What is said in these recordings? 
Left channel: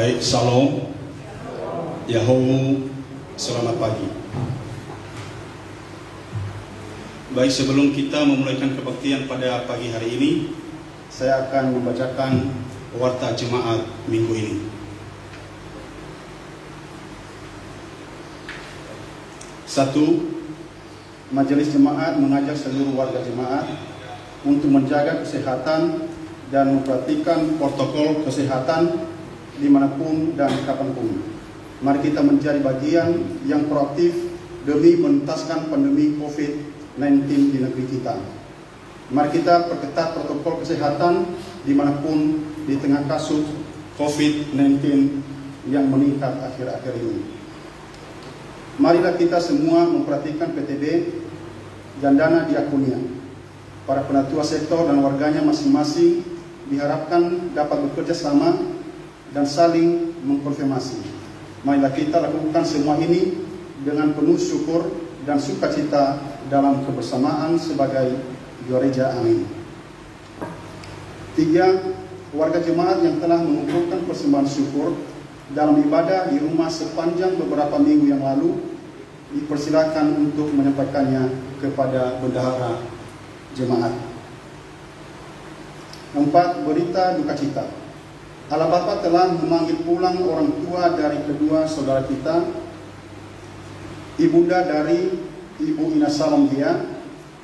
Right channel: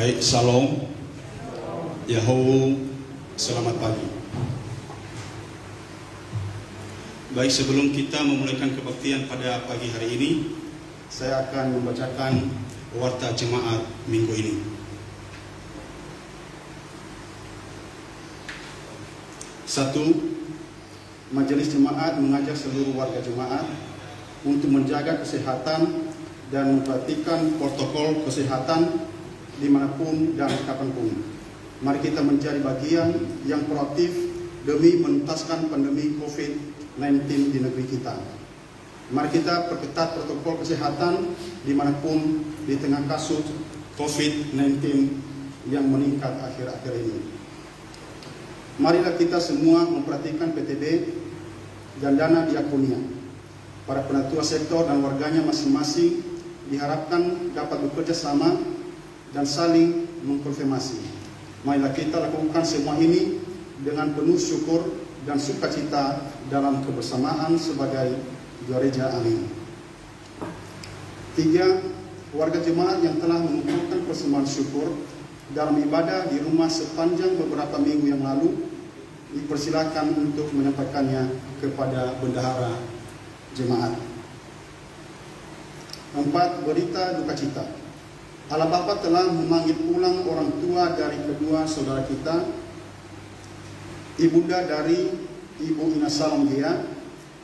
Baik, Shalom, Yahoo, selamat pagi. Baik, sebelum kita memulaikan kebaktian pada pagi hari ini, saya akan membacakan warta jemaat minggu ini. Satu, Majelis Jemaat mengajak seluruh warga jemaat untuk menjaga kesehatan dan memperhatikan protokol kesehatan dimanapun dan kapanpun. Mari kita menjadi bagian yang proaktif demi menuntaskan pandemi COVID-19 di negeri kita. Mari kita perketat protokol kesehatan dimanapun di tengah kasus COVID-19 yang meningkat akhir-akhir ini. Marilah kita semua memperhatikan PTB dan dana diakonia. Para penatua sektor dan warganya masing-masing diharapkan dapat bekerja sama dan saling mengkonfirmasi. Marilah kita lakukan semua ini dengan penuh syukur dan sukacita dalam kebersamaan sebagai gereja. Amin. 3. Warga jemaat yang telah mengumpulkan persembahan syukur dalam ibadah di rumah sepanjang beberapa minggu yang lalu dipersilakan untuk menyampaikannya kepada bendahara jemaat. 4. Berita duka cita. Allah Bapa telah memanggil pulang orang tua dari kedua saudara kita, ibunda dari Ibu Ina Salom Dia,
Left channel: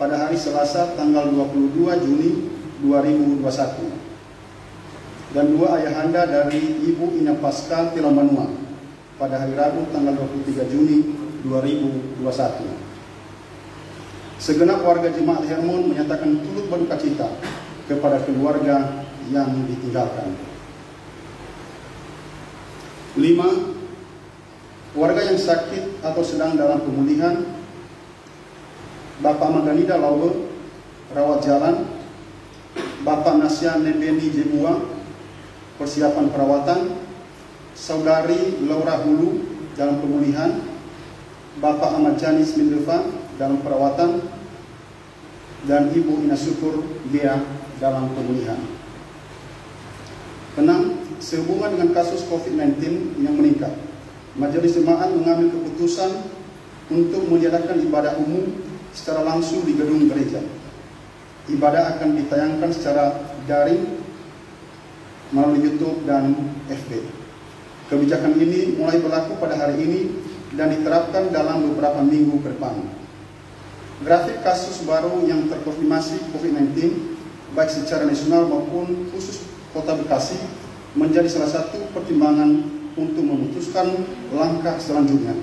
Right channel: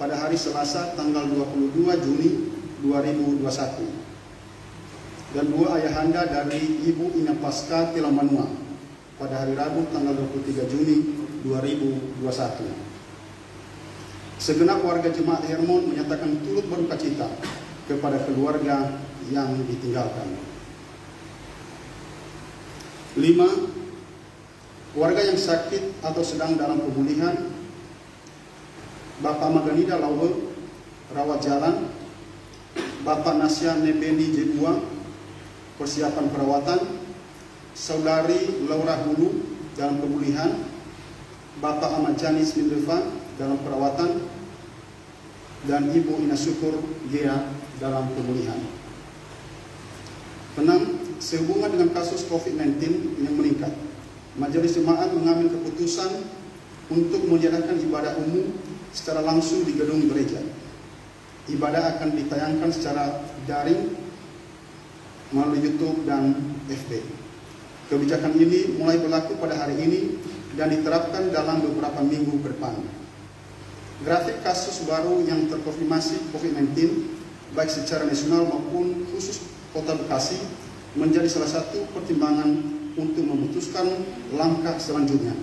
pada hari Selasa tanggal 22 Juni 2021, dan dua ayahanda dari Ibu Ina Pasca Tilamanua pada hari Rabu tanggal 23 Juni 2021. Segenap warga jemaat Hermon menyatakan turut berduka cita kepada keluarga yang ditinggalkan. 5. Warga yang sakit atau sedang dalam pemulihan: Bapak Maganida Lawer, rawat jalan; Bapak Nasya Nebeni Jebua, persiapan perawatan; Saudari Laura Hulu dalam pemulihan; Bapak Ahmad Janis Mindeva dalam perawatan; dan Ibu Ina Syukur Gea dalam pemulihan. 6. Sehubungan dengan kasus COVID-19 yang meningkat, Majelis Jemaat mengambil keputusan untuk meniadakan ibadah umum secara langsung di gedung gereja. Ibadah akan ditayangkan secara daring melalui YouTube dan FB. Kebijakan ini mulai berlaku pada hari ini dan diterapkan dalam beberapa minggu ke depan. Grafik kasus baru yang terkonfirmasi COVID-19 baik secara nasional maupun khusus Kota Bekasi menjadi salah satu pertimbangan untuk memutuskan langkah selanjutnya.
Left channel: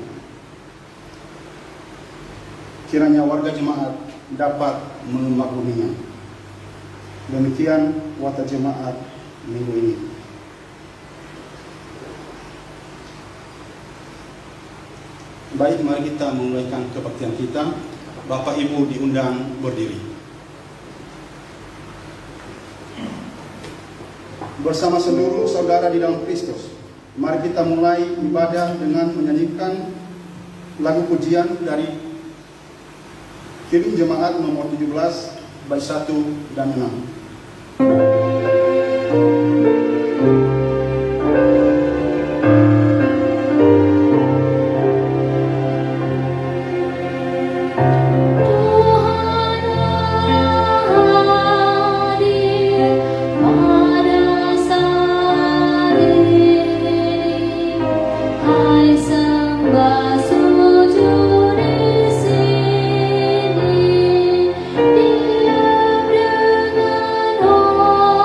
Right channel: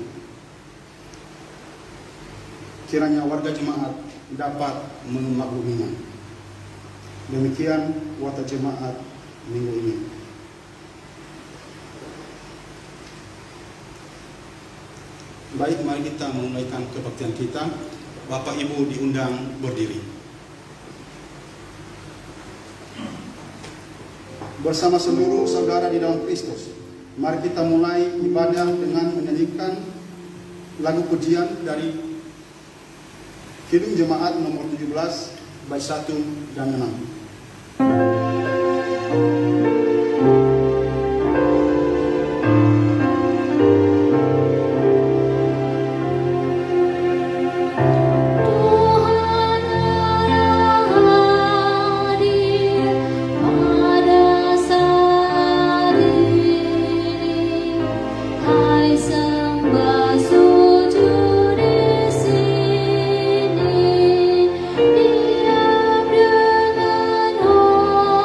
Kiranya warga jemaat dapat memakluminya. Demikian warta jemaat minggu ini. Baik, mari kita memulaikan kebaktian kita. Bapak Ibu diundang berdiri. Bersama seluruh saudara di dalam Kristus, mari kita mulai ibadah dengan menyanyikan lagu pujian dari Kirim Jemaat nomor 17 bait 1 dan 6. Oh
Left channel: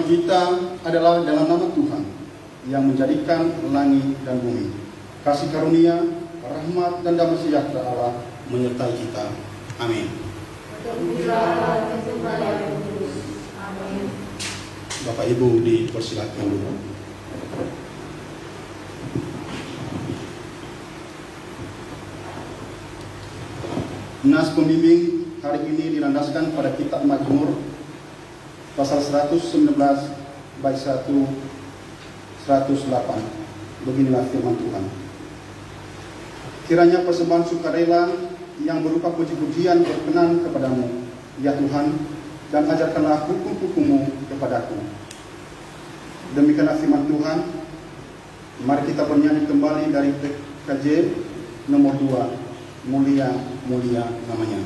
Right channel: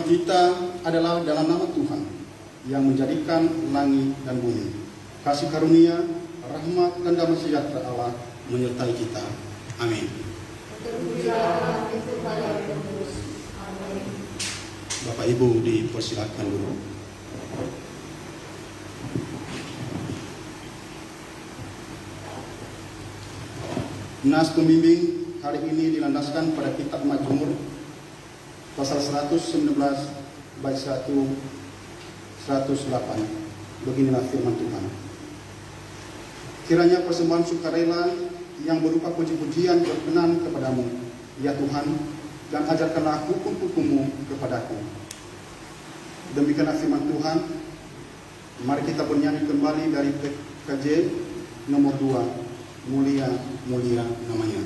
Firman kita adalah dalam nama Tuhan yang menjadikan langit dan bumi. Kasih karunia, rahmat dan damai sejahtera Allah menyertai kita. Amin. Bapak Ibu dipersilakan dulu. Nas pembimbing hari ini dilandaskan pada kitab Mazmur pasal 119 bait 1 108. Beginilah firman Tuhan. Kiranya persembahan sukarela yang berupa puji-pujian berkenan kepadamu, ya Tuhan, dan ajarkanlah hukum-hukum-Mu kepadaku. Demikianlah firman Tuhan. Mari kita bernyanyi kembali dari PKJ nomor 2. Mulia, mulia namanya.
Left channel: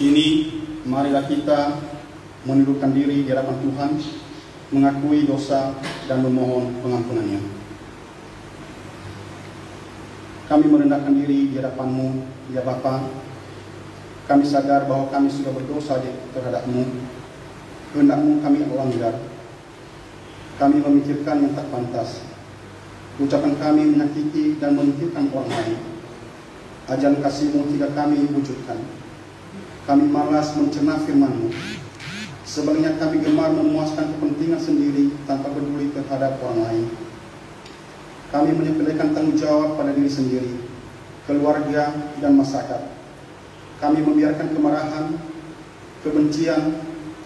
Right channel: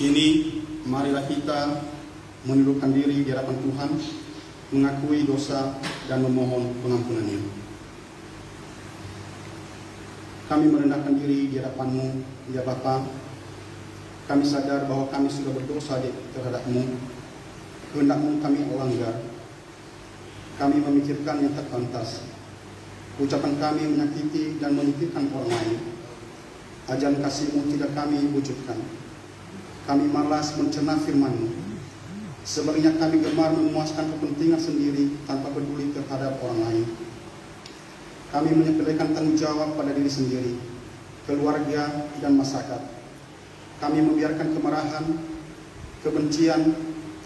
Kini marilah kita menundukkan diri di hadapan Tuhan, mengakui dosa dan memohon pengampunannya. Kami merendahkan diri di hadapan-Mu, ya Bapa. Kami sadar bahwa kami sudah berdosa terhadap-Mu. Kehendak-Mu kami langgar. Kami memikirkan yang tak pantas. Ucapan kami menyakiti dan memikirkan orang lain. Ajaran kasih-Mu tidak kami wujudkan. Kami malas mencerna firman-Mu. Sebaliknya kami gemar memuaskan kepentingan sendiri tanpa peduli terhadap orang lain. Kami menyepelekan tanggung jawab pada diri sendiri, keluarga, dan masyarakat. Kami membiarkan kemarahan, kebencian,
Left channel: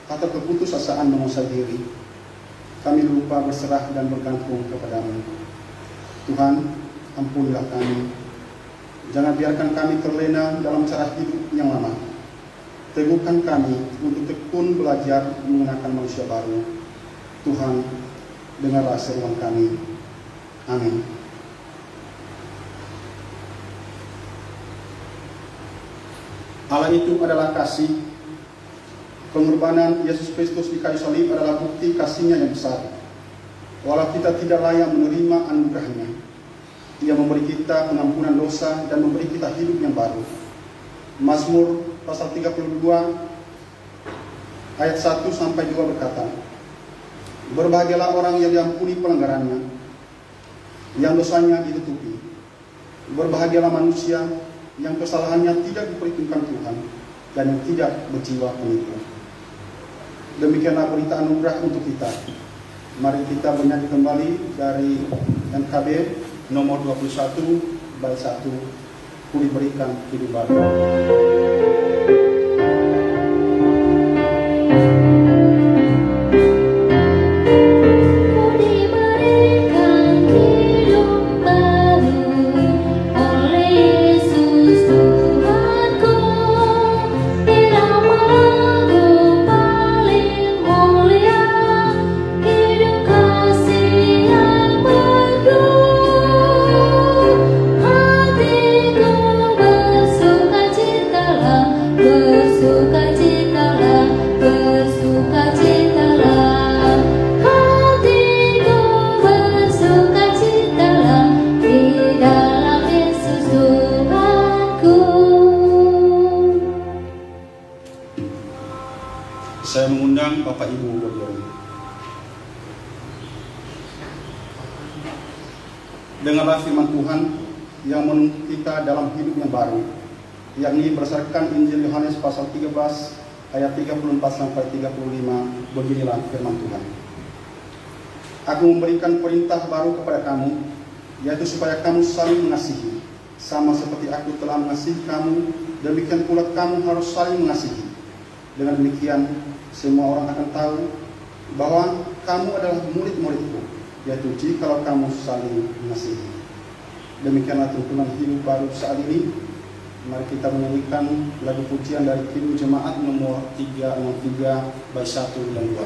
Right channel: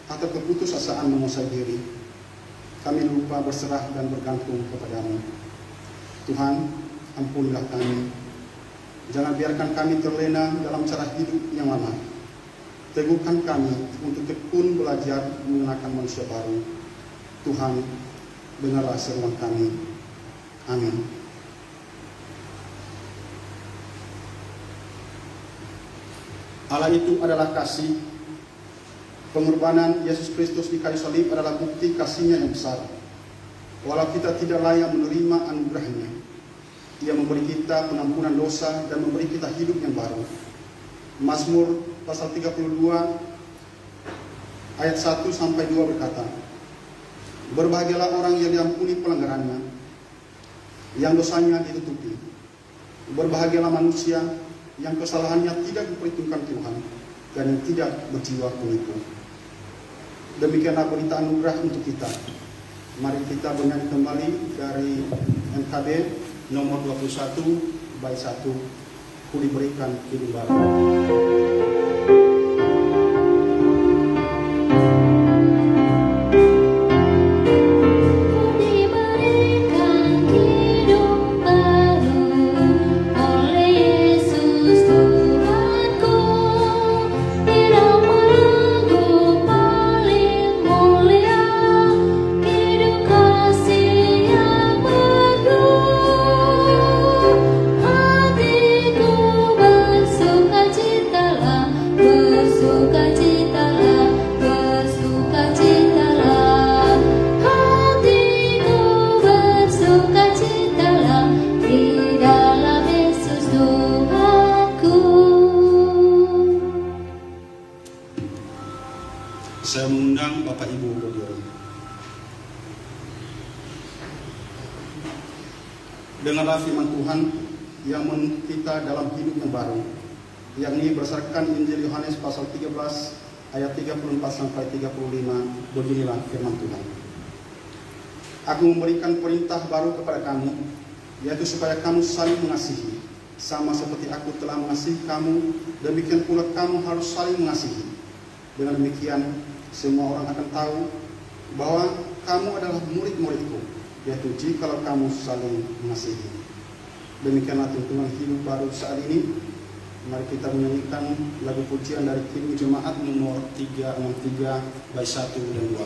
atau keputusasaan menguasai diri. Kami lupa berserah dan bergantung kepada-Mu. Tuhan, ampunilah kami. Jangan biarkan kami terlena dalam cara hidup yang lama. Teguhkan kami untuk tekun belajar mengenakan manusia baru. Tuhan, dengarlah seruan kami. Amin. Allah itu adalah kasih. Pengorbanan Yesus Kristus di kayu salib adalah bukti kasih-Nya yang besar. Walau kita tidak layak menerima anugerah-Nya, Ia memberi kita pengampunan dosa dan memberi kita hidup yang baru. Mazmur pasal 32 ayat 1 sampai 2 berkata, berbahagialah orang yang diampuni pelanggarannya, yang dosanya ditutupi. Berbahagialah manusia yang kesalahannya tidak diperhitungkan Tuhan dan yang tidak berjiwa penipu. Demikianlah berita anugerah untuk kita. Mari kita bernyanyi kembali dari NKB nomor 21 bait 1. Ku diberikan hidup baru. Saya mengundang Bapak Ibu berdiri. Dengarlah firman Tuhan yang menuntut kita dalam hidup yang baru, yakni berdasarkan Injil Yohanes pasal 13 ayat 34 sampai 35. Beginilah firman Tuhan. Aku memberikan perintah baru kepada kamu, yaitu supaya kamu saling mengasihi, sama seperti aku telah mengasihi kamu, demikian pula kamu harus saling mengasihi. Dengan demikian, semua orang akan tahu bahwa kamu adalah murid-muridku, yaitu jikalau kamu saling mengasihi. Demikianlah tuntunan hidup baru saat ini. Mari kita menyanyikan lagu pujian dari Kidung Jemaat nomor 363 bait 1 dan 2.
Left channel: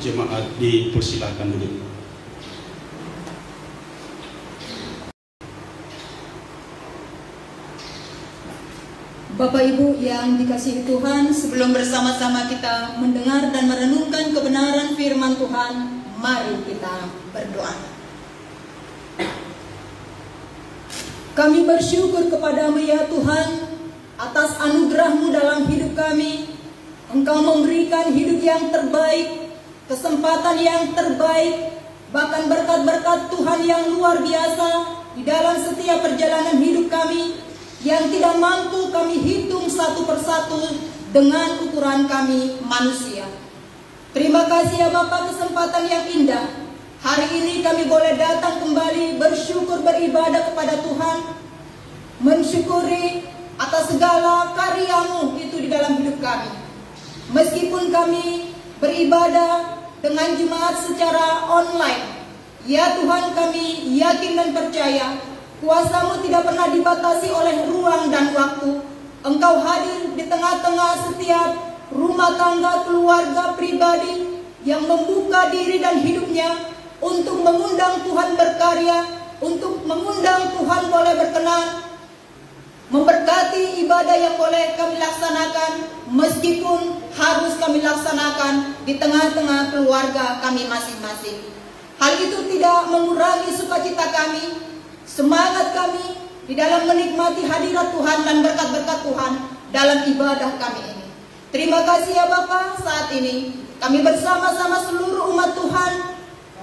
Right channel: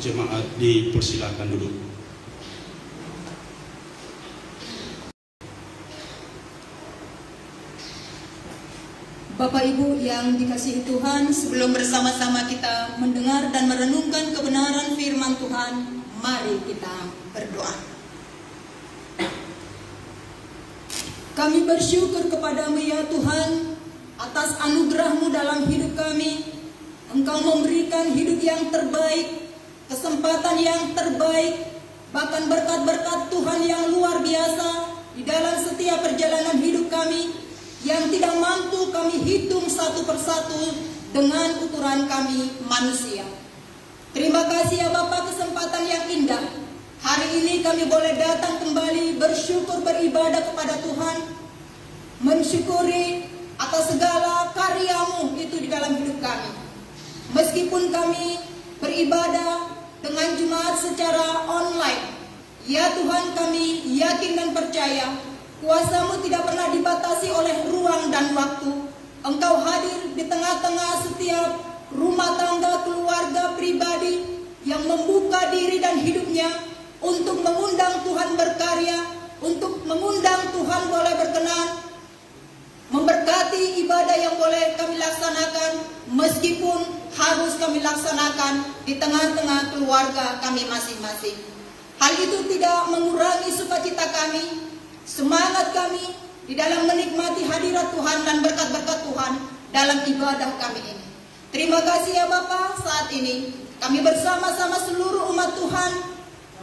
Jemaat dipersilakan duduk. Bapak Ibu yang dikasihi Tuhan, sebelum bersama-sama kita mendengar dan merenungkan kebenaran firman Tuhan, mari kita berdoa. Kami bersyukur kepadamu ya Tuhan, atas anugerah-Mu dalam hidup kami. Engkau memberikan hidup yang terbaik, kesempatan yang terbaik, bahkan berkat-berkat Tuhan yang luar biasa di dalam setiap perjalanan hidup kami, yang tidak mampu kami hitung satu persatu dengan ukuran kami manusia. Terima kasih ya Bapa, kesempatan yang indah. Hari ini kami boleh datang kembali bersyukur beribadah kepada Tuhan, mensyukuri atas segala karya-Mu itu di dalam hidup kami. Meskipun kami beribadah dengan jemaat secara online, ya Tuhan, kami yakin dan percaya kuasa-Mu tidak pernah dibatasi oleh ruang dan waktu. Engkau hadir di tengah-tengah setiap rumah tangga, keluarga, pribadi yang membuka diri dan hidupnya untuk mengundang Tuhan berkarya, untuk mengundang Tuhan boleh berkenan, memberkati ibadah yang boleh kami laksanakan, meskipun harus kami laksanakan di tengah-tengah keluarga kami masing-masing. Hal itu tidak mengurangi sukacita kami, semangat kami di dalam menikmati hadirat Tuhan dan berkat-berkat Tuhan dalam ibadah kami ini. Terima kasih ya Bapa, saat ini kami bersama-sama seluruh umat Tuhan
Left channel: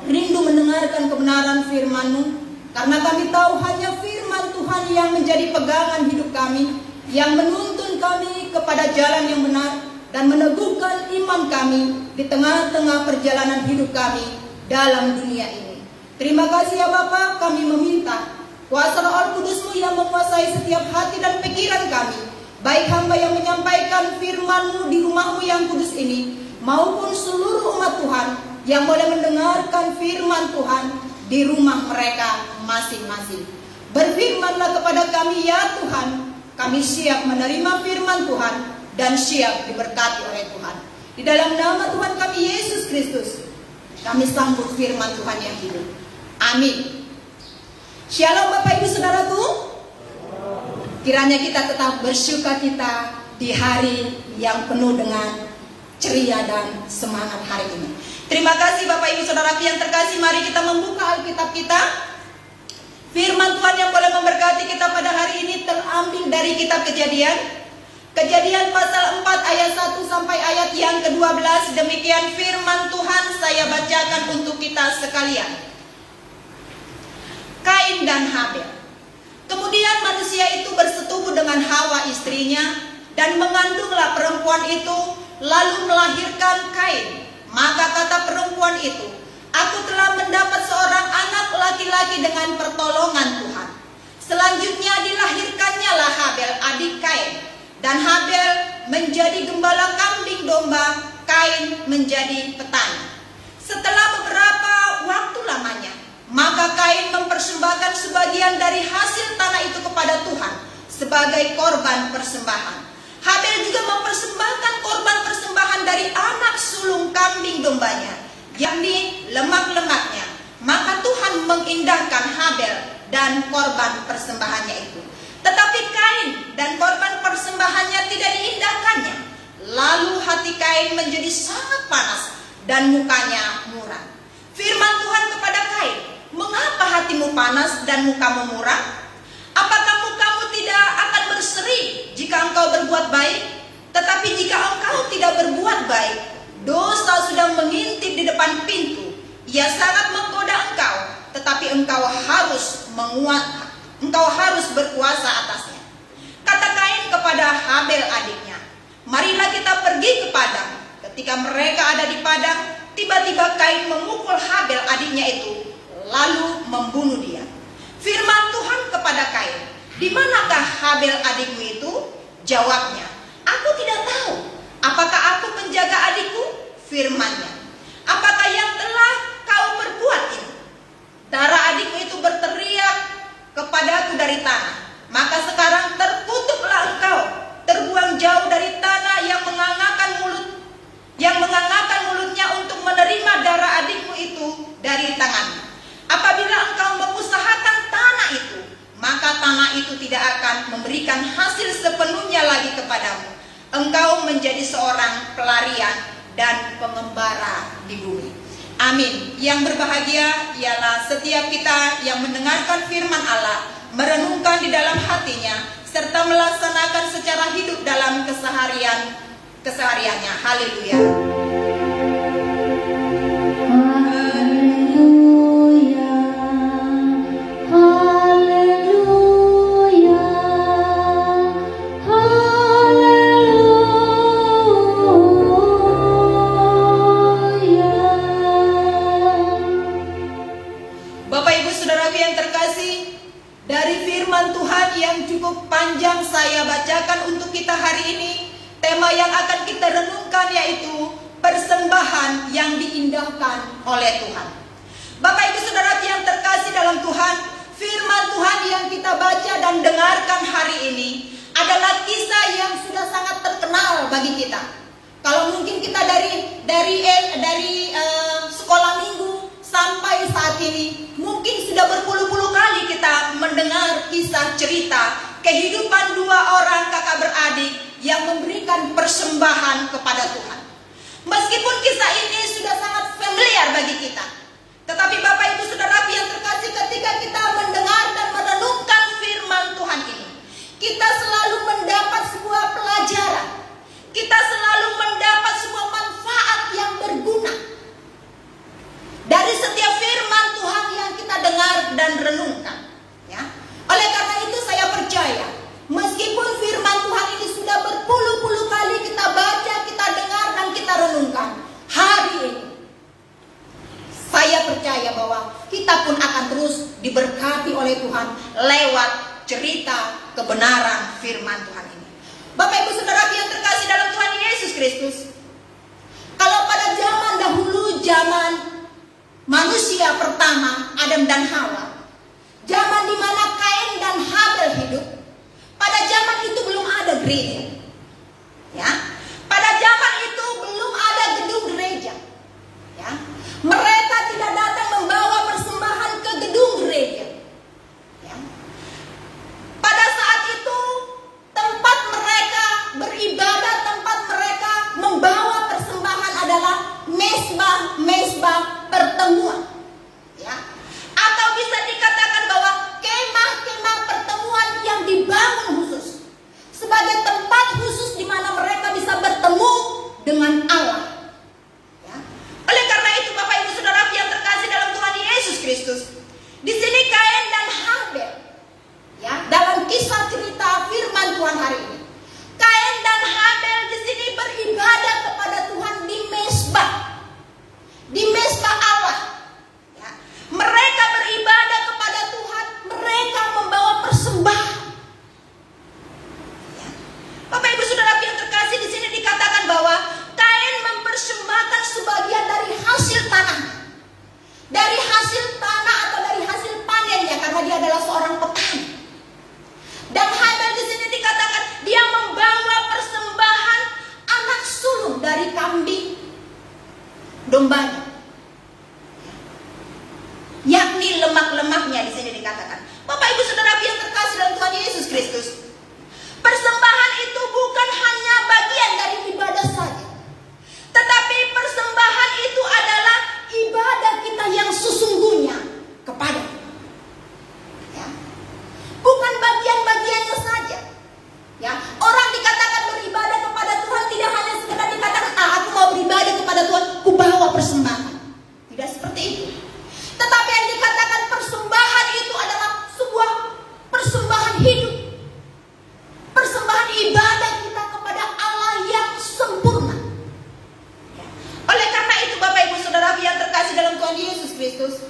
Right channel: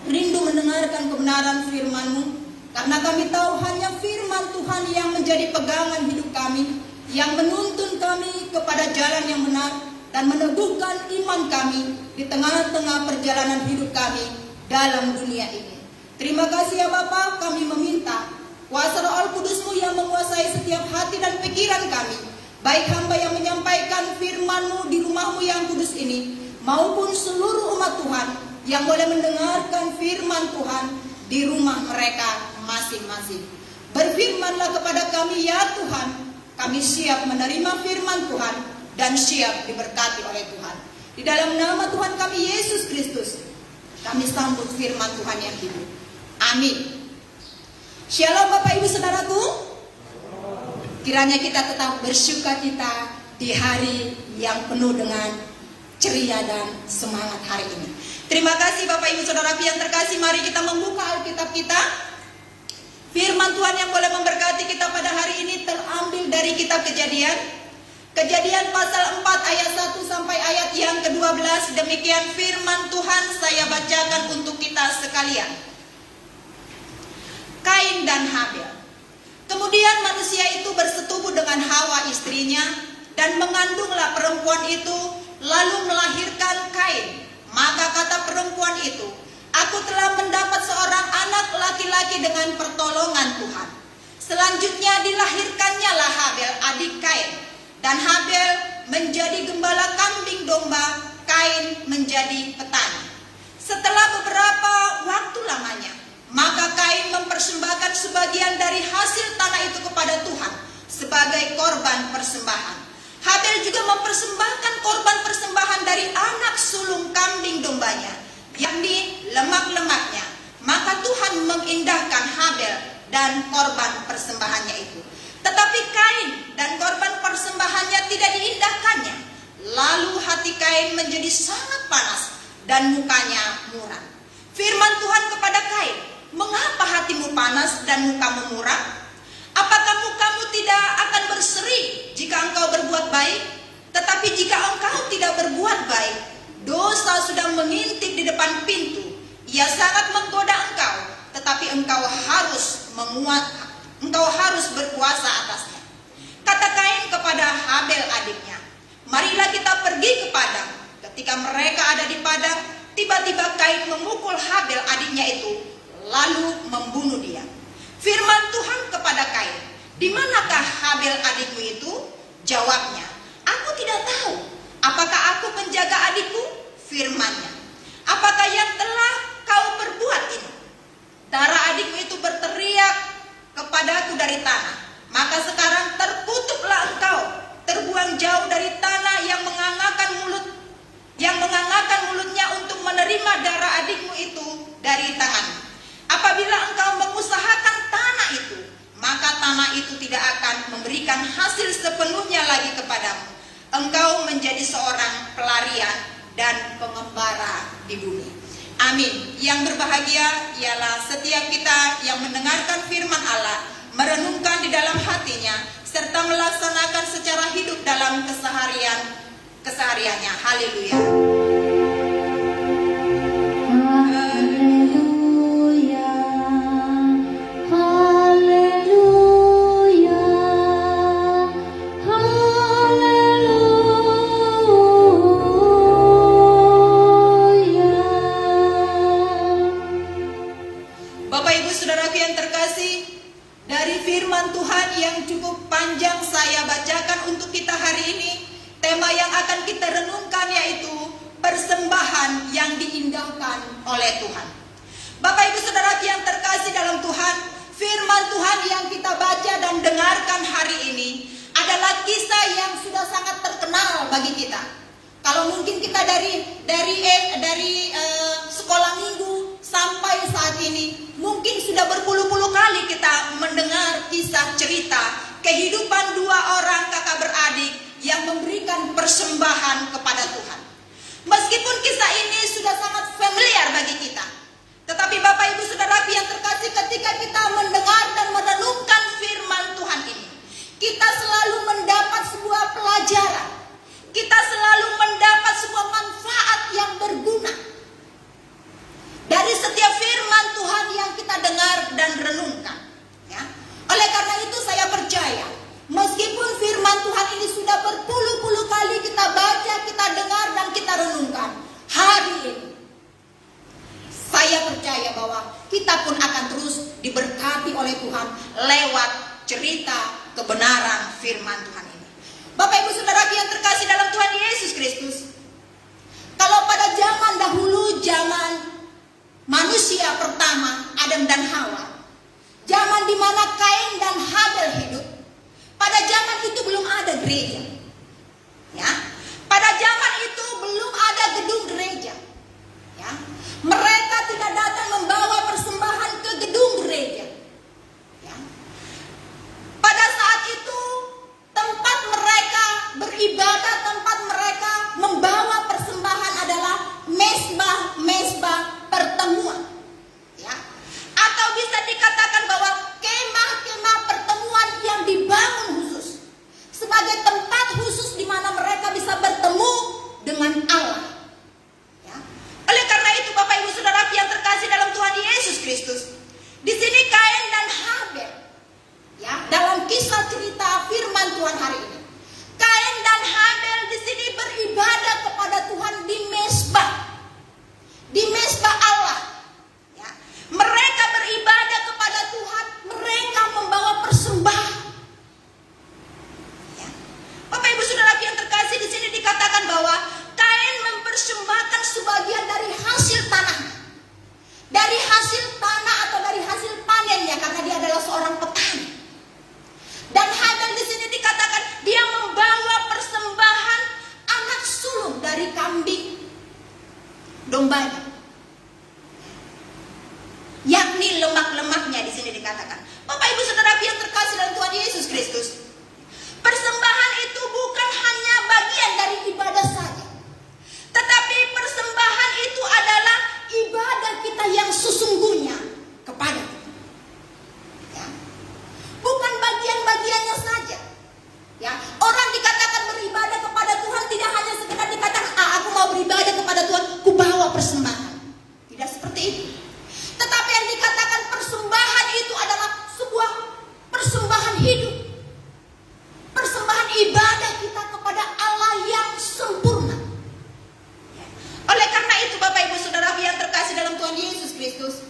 rindu mendengarkan kebenaran firman-Mu, karena kami tahu hanya firman Tuhan yang menjadi pegangan hidup kami, yang menuntun kami kepada jalan yang benar dan meneguhkan iman kami di tengah-tengah perjalanan hidup kami dalam dunia ini. Terima kasih ya Bapa, kami meminta kuasa Roh Kudus-Mu yang menguasai setiap hati dan pikiran kami, baik hamba yang menyampaikan firman-Mu di rumah-Mu yang kudus ini, maupun seluruh umat Tuhan yang boleh mendengarkan firman Tuhan di rumah mereka masing-masing. Berfirmanlah kepada kami ya Tuhan, kami siap menerima firman Tuhan dan siap diberkati oleh Tuhan. Di dalam nama Tuhan kami Yesus Kristus, kami sambut firman Tuhan yang hidup. Amin. Shalom Bapak Ibu Saudaraku. Kiranya kita tetap bersukacita di hari yang penuh dengan ceria dan semangat hari ini. Terima kasih Bapak Ibu Saudaraku yang terkasih, mari kita membuka Alkitab kita. Firman Tuhan yang boleh memberkati kita pada hari ini terambil dari kitab Kejadian. Kejadian pasal 4 ayat 1 sampai ayat yang ke-12. Demikian firman Tuhan, saya bacakan untuk kita sekalian. Kain dan Habel. Kemudian manusia itu bersetubuh dengan Hawa istrinya, dan mengandunglah perempuan itu, lalu melahirkan Kain. Maka kata perempuan itu, aku telah mendapat seorang anak laki-laki dengan pertolongan Tuhan. Selanjutnya dilahirkannya lah Habel adik Kain. Dan Habel menjadi gembala kambing domba, Kain menjadi petani. Setelah beberapa waktu lamanya, maka Kain mempersembahkan sebagian dari hasil tanah itu kepada Tuhan sebagai korban persembahan. Habel juga mempersembahkan korban persembahan dari anak sulung kambing dombanya, yakni lemak-lemaknya. Maka Tuhan mengindahkan Habel dan korban persembahannya itu. Tetapi Kain dan korban persembahannya tidak diindahkannya. Lalu hati Kain menjadi sangat panas dan mukanya muram. Firman Tuhan kepada Kain, mengapa hatimu panas dan mukamu muram? Apakah mukamu tidak akan berseri jika engkau berbuat baik? Tetapi jika engkau tidak berbuat baik, dosa sudah mengintip di depan pintu. Ia sangat menggoda engkau, tetapi engkau harus berkuasa atasnya. Kata Kain kepada Habel adiknya, marilah kita pergi ke padang. Ketika mereka ada di padang, tiba-tiba Kain memukul Habel adiknya itu, lalu membunuh dia. Firman Tuhan kepada Kain, di manakah Habel adikmu itu? Jawabnya, aku tidak tahu. Apakah aku menjaga adikku? Firmannya, apakah yang telah kau perbuat ini? Darah adikmu itu berteriak kepadaku dari tanah. Maka sekarang terkutuklah engkau, terbuang jauh dari tanah yang mengangangkan mulutnya untuk menerima darah adikmu itu dari tanganmu. Apabila engkau mengusahakan tanah itu, maka tanah itu tidak akan memberikan hasil sepenuhnya lagi kepadamu. Engkau menjadi seorang pelarian dan pengembara di bumi. Amin. Yang berbahagia ialah setiap kita yang mendengarkan firman Allah, merenungkan di dalam hatinya, serta melaksanakan secara hidup dalam kesehariannya. Haleluya. Panjang saya bacakan untuk kita hari ini. Tema yang akan kita renungkan yaitu persembahan yang diindahkan oleh Tuhan. Bapak Ibu Saudara yang terkasih dalam Tuhan, firman Tuhan yang kita baca dan dengarkan hari ini adalah kisah yang sudah sangat terkenal bagi kita. Kalau mungkin kita dari sekolah minggu sampai saat ini, mungkin sudah berpuluh-puluh kali kita mendengar kisah cerita kehidupan dua orang kakak beradik yang memberikan persembahan kepada Tuhan. Meskipun kisah ini sudah sangat familiar bagi kita, tetapi Bapak Ibu Saudara yang terkasih, ketika kita mendengar dan diberkati oleh Tuhan lewat cerita kebenaran firman Tuhan ini. Bapak Ibu Saudara yang terkasih dalam Tuhan Yesus Kristus, kalau pada zaman dahulu, zaman manusia pertama Adam dan Hawa, zaman di mana Kain dan Habel hidup, pada zaman itu belum ada gereja. Ya, pada zaman itu belum ada gedung gereja. Ya, mereka tidak datang membawa persembahan ke gedung gereja. Ya. Pada saat itu tempat mereka beribadah, tempat mereka membawa persembahan adalah mesbah pertemuan. Ya. Atau bisa dikatakan bahwa kemah-kemah pertemuan yang dibangun khusus sebagai tempat khusus di mana mereka bisa bertemu dengan Allah. Ya. Oleh karena itu Bapak Ibu Saudara yang terkasih dalam Tuhan Yesus Kristus, di sini Kain dan Habel, ya, dalam kisah cerita firman Tuhan hari ini, Kain dan Habel di sini beribadah kepada Tuhan di mesbah Allah. Ya. Mereka beribadah kepada Tuhan, mereka membawa persembahan. Ya. Bapak Ibu Saudara yang terkasih, di sini dikatakan bahwa Kain mempersembahkan sebagian dari hasil tanah, dari hasil tanah atau dari hasil panennya, karena dia adalah seorang petani. Dan Habel di sini dikatakan dia membawa persembahan anak sulung dari kambing dombanya, yakni lemak-lemaknya di sini dikatakan. Bapak Ibu Saudara yang terkasih dalam Tuhan Yesus Kristus, persembahan itu bukan hanya bagian dari ibadah saja, tetapi persembahan itu adalah ibadah kita yang sesungguhnya kepada Tuhan. Ya. Bukan bagian-bagiannya saja. Ya, orang dikatakan beribadah kepada Tuhan tidak hanya sekedar dikatakan, aku mau beribadah kepada Tuhan, aku bawa persembahan. Tidak seperti itu. Tetapi yang dikatakan persembahan itu adalah sebuah persembahan hidup. Persembahan ibadah kita kepada Allah yang sempurna. Ya. Oleh karena itu Bapak Ibu Saudara yang terkasih dalam Tuhan Yesus Kristus,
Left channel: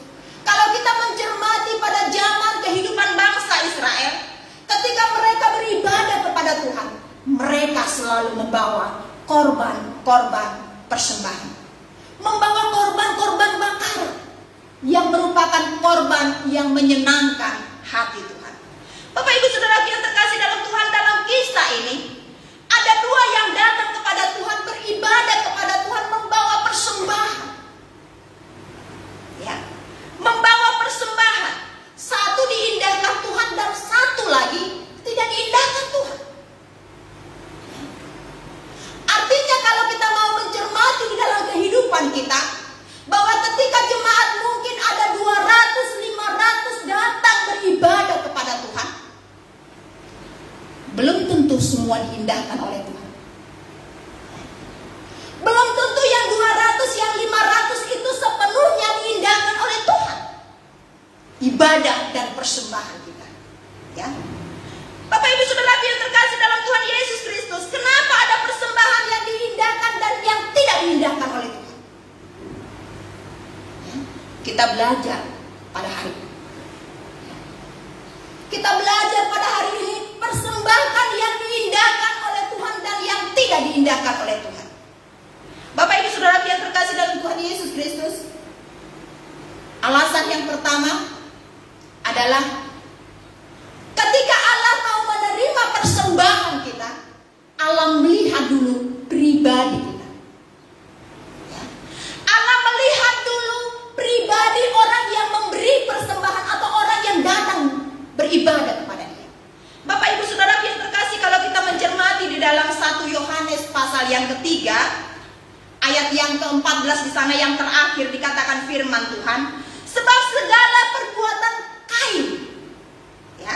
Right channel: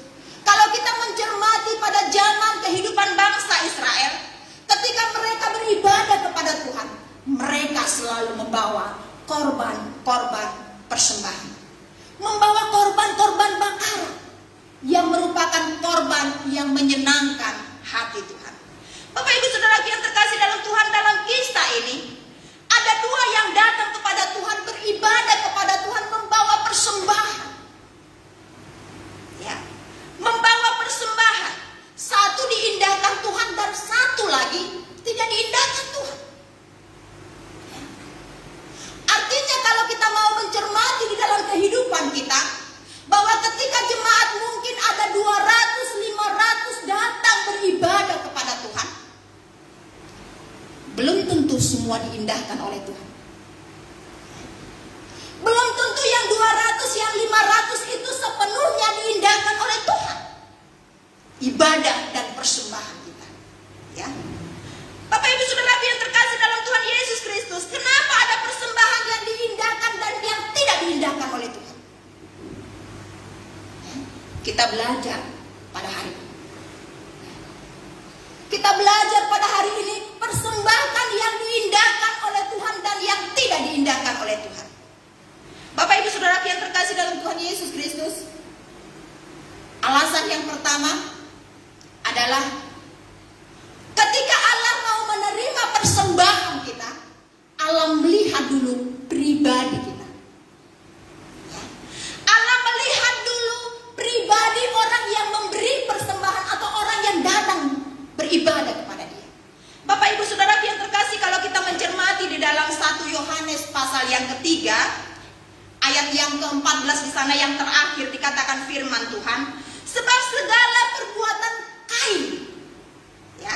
kalau kita mencermati pada zaman kehidupan bangsa Israel, ketika mereka beribadah kepada Tuhan, mereka selalu membawa korban-korban persembahan, membawa korban-korban bakar yang merupakan korban yang menyenangkan hati Tuhan. Bapak Ibu Saudara yang terkasih dalam Tuhan, dalam kisah ini ada dua yang datang kepada Tuhan, beribadah kepada Tuhan, membawa persembahan. Ya, membawa persembahan. Satu diindahkan Tuhan dan satu lagi tidak diindahkan Tuhan. Ya. Artinya kalau kita mau mencermati di dalam kehidupan kita, bahwa ketika jemaat mungkin ada 200, 500 datang beribadah kepada Tuhan, belum tentu semua diindahkan oleh Tuhan. Belum tentu yang 200, yang 500 itu sepenuhnya diindahkan oleh Tuhan. Ibadah dan persembahan kita. Ya. Bapak Ibu Saudara yang terkasih dalam Tuhan Yesus Kristus, kenapa ada persembahan yang diindahkan dan yang tidak diindahkan oleh Tuhan? Ya. Kita belajar pada hari ini. Kita belajar pada hari ini persembahan yang diindahkan oleh Tuhan dan yang tidak diindahkan oleh Tuhan. Bapak Ibu Saudara yang terkasih dalam Tuhan Yesus Kristus, alasan yang pertama adalah ketika Allah mau menerima persembahan kita, Allah melihat dulu pribadi kita. Ya. Allah melihat dulu pribadi orang yang memberi persembahan atau orang yang datang beribadah kepada Dia. Bapak Ibu Saudara yang terkasih, kalau kita mencermati di dalam 1 Yohanes pasal yang ketiga, ayat yang ke-14 di sana yang terakhir dikatakan firman Tuhan, sebab segala perbuatan Kain, ya,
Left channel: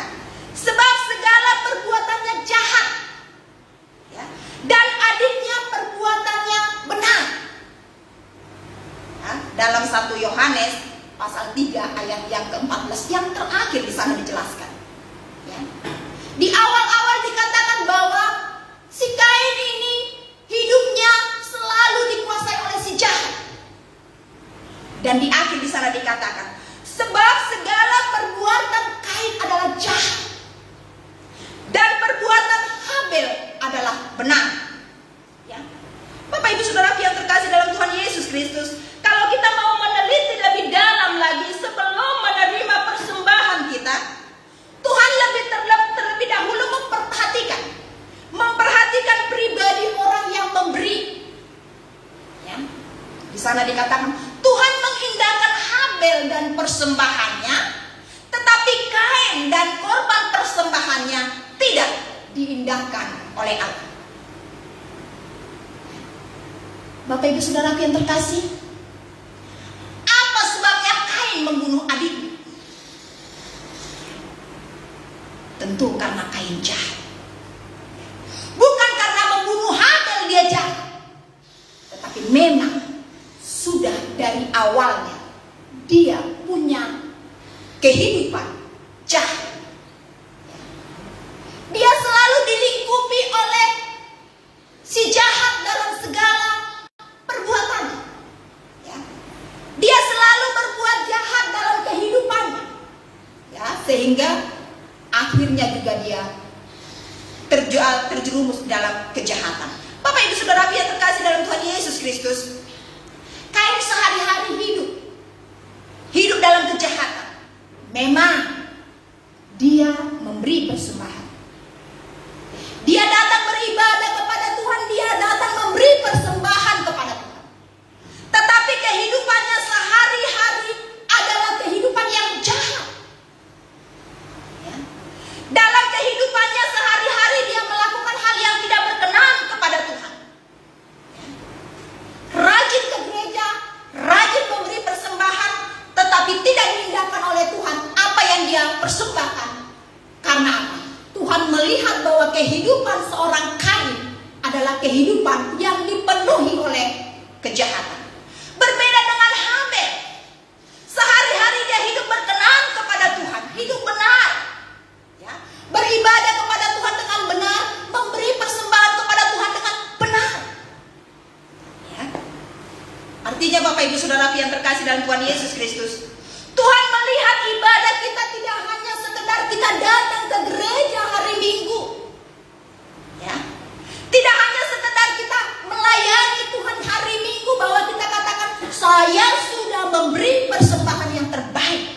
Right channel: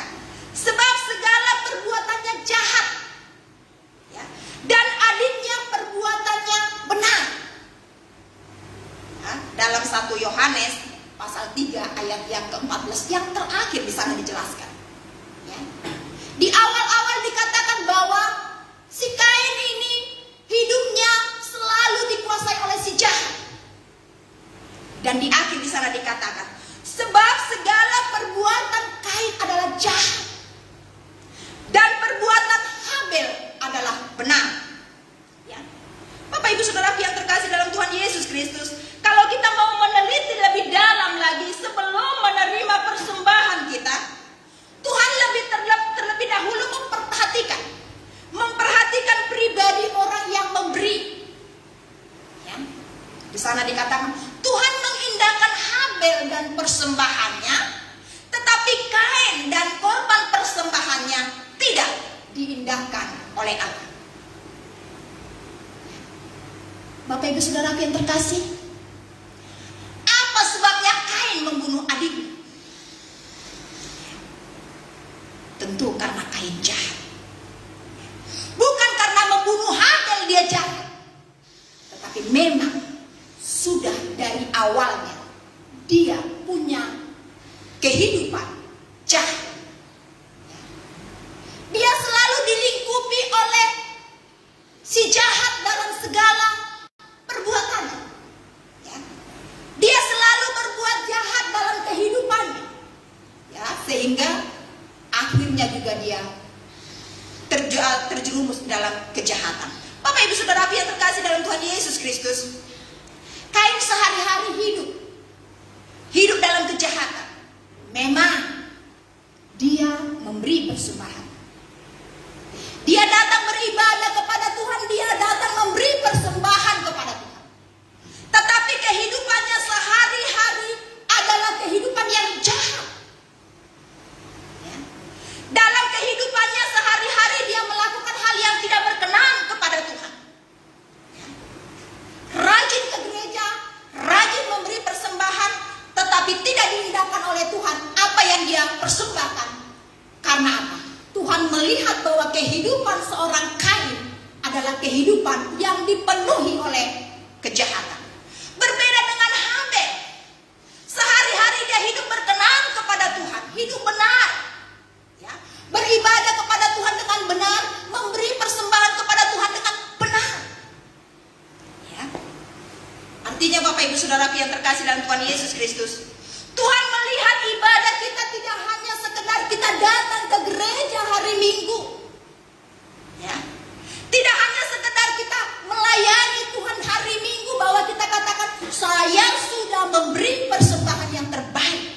sebab segala perbuatannya jahat, ya, dan adiknya perbuatannya benar. Ya, dalam 1 Yohanes pasal 3 ayat yang ke-14 yang terakhir di sana dijelaskan. Ya. Di awal-awal dikatakan bahwa si Kain ini hidupnya selalu dikuasai oleh si jahat. Dan di akhir di sana dikatakan, sebab segala perbuatan diindahkan oleh Allah. Bapak Ibu Saudara yang terkasih, apa sebabnya Kain membunuh adiknya? Tentu karena Kain jahat. Bukan karena membunuh Habel dia jahat, tetapi memang sudah dari awalnya dia punya kehidupan jahat. Dia selalu dilingkupi oleh si jahat dalam segala perbuatannya. Ya. Dia selalu berbuat jahat dalam kehidupannya. Ya, sehingga akhirnya juga dia terjerumus dalam kejahatan. Bapak Ibu Saudara yang terkasih dalam Tuhan Yesus Kristus, Kain sehari-hari hidup dalam kejahatan. Memang dia memberi persembahan. Dia datang beribadah kepada Tuhan, dia datang memberi persembahan kepada Tuhan. Tetapi kehidupannya sehari-hari adalah kehidupan yang jahat. Ya. Dalam kehidupannya sehari-hari dia melakukan hal yang tidak berkenan kepada Tuhan. Ya. Rajin ke gereja, rajin memberi persembahan, tetapi tidak diindahkan oleh Tuhan apa yang dia persembahkan. Karena apa? Tuhan melihat bahwa kehidupan seorang Kain adalah kehidupan yang dipenuhi oleh kejahatan. Berbeda dengan Habel. Sehari-hari dia hidup berkenan kepada Tuhan, hidup benar. Ya, beribadah kepada Tuhan dengan benar, memberi persembahan kepada Tuhan dengan benar. Ya. Artinya Bapak Ibu Saudara yang terkasih dalam Tuhan Yesus Kristus, Tuhan melihat ibadah kita tidak hanya sekedar kita datang ke gereja hari Minggu. Ya. Tidak hanya sekedar kita melayani Tuhan hari Minggu bahwa kita katakan saya sudah memberi persembahan yang terbaik.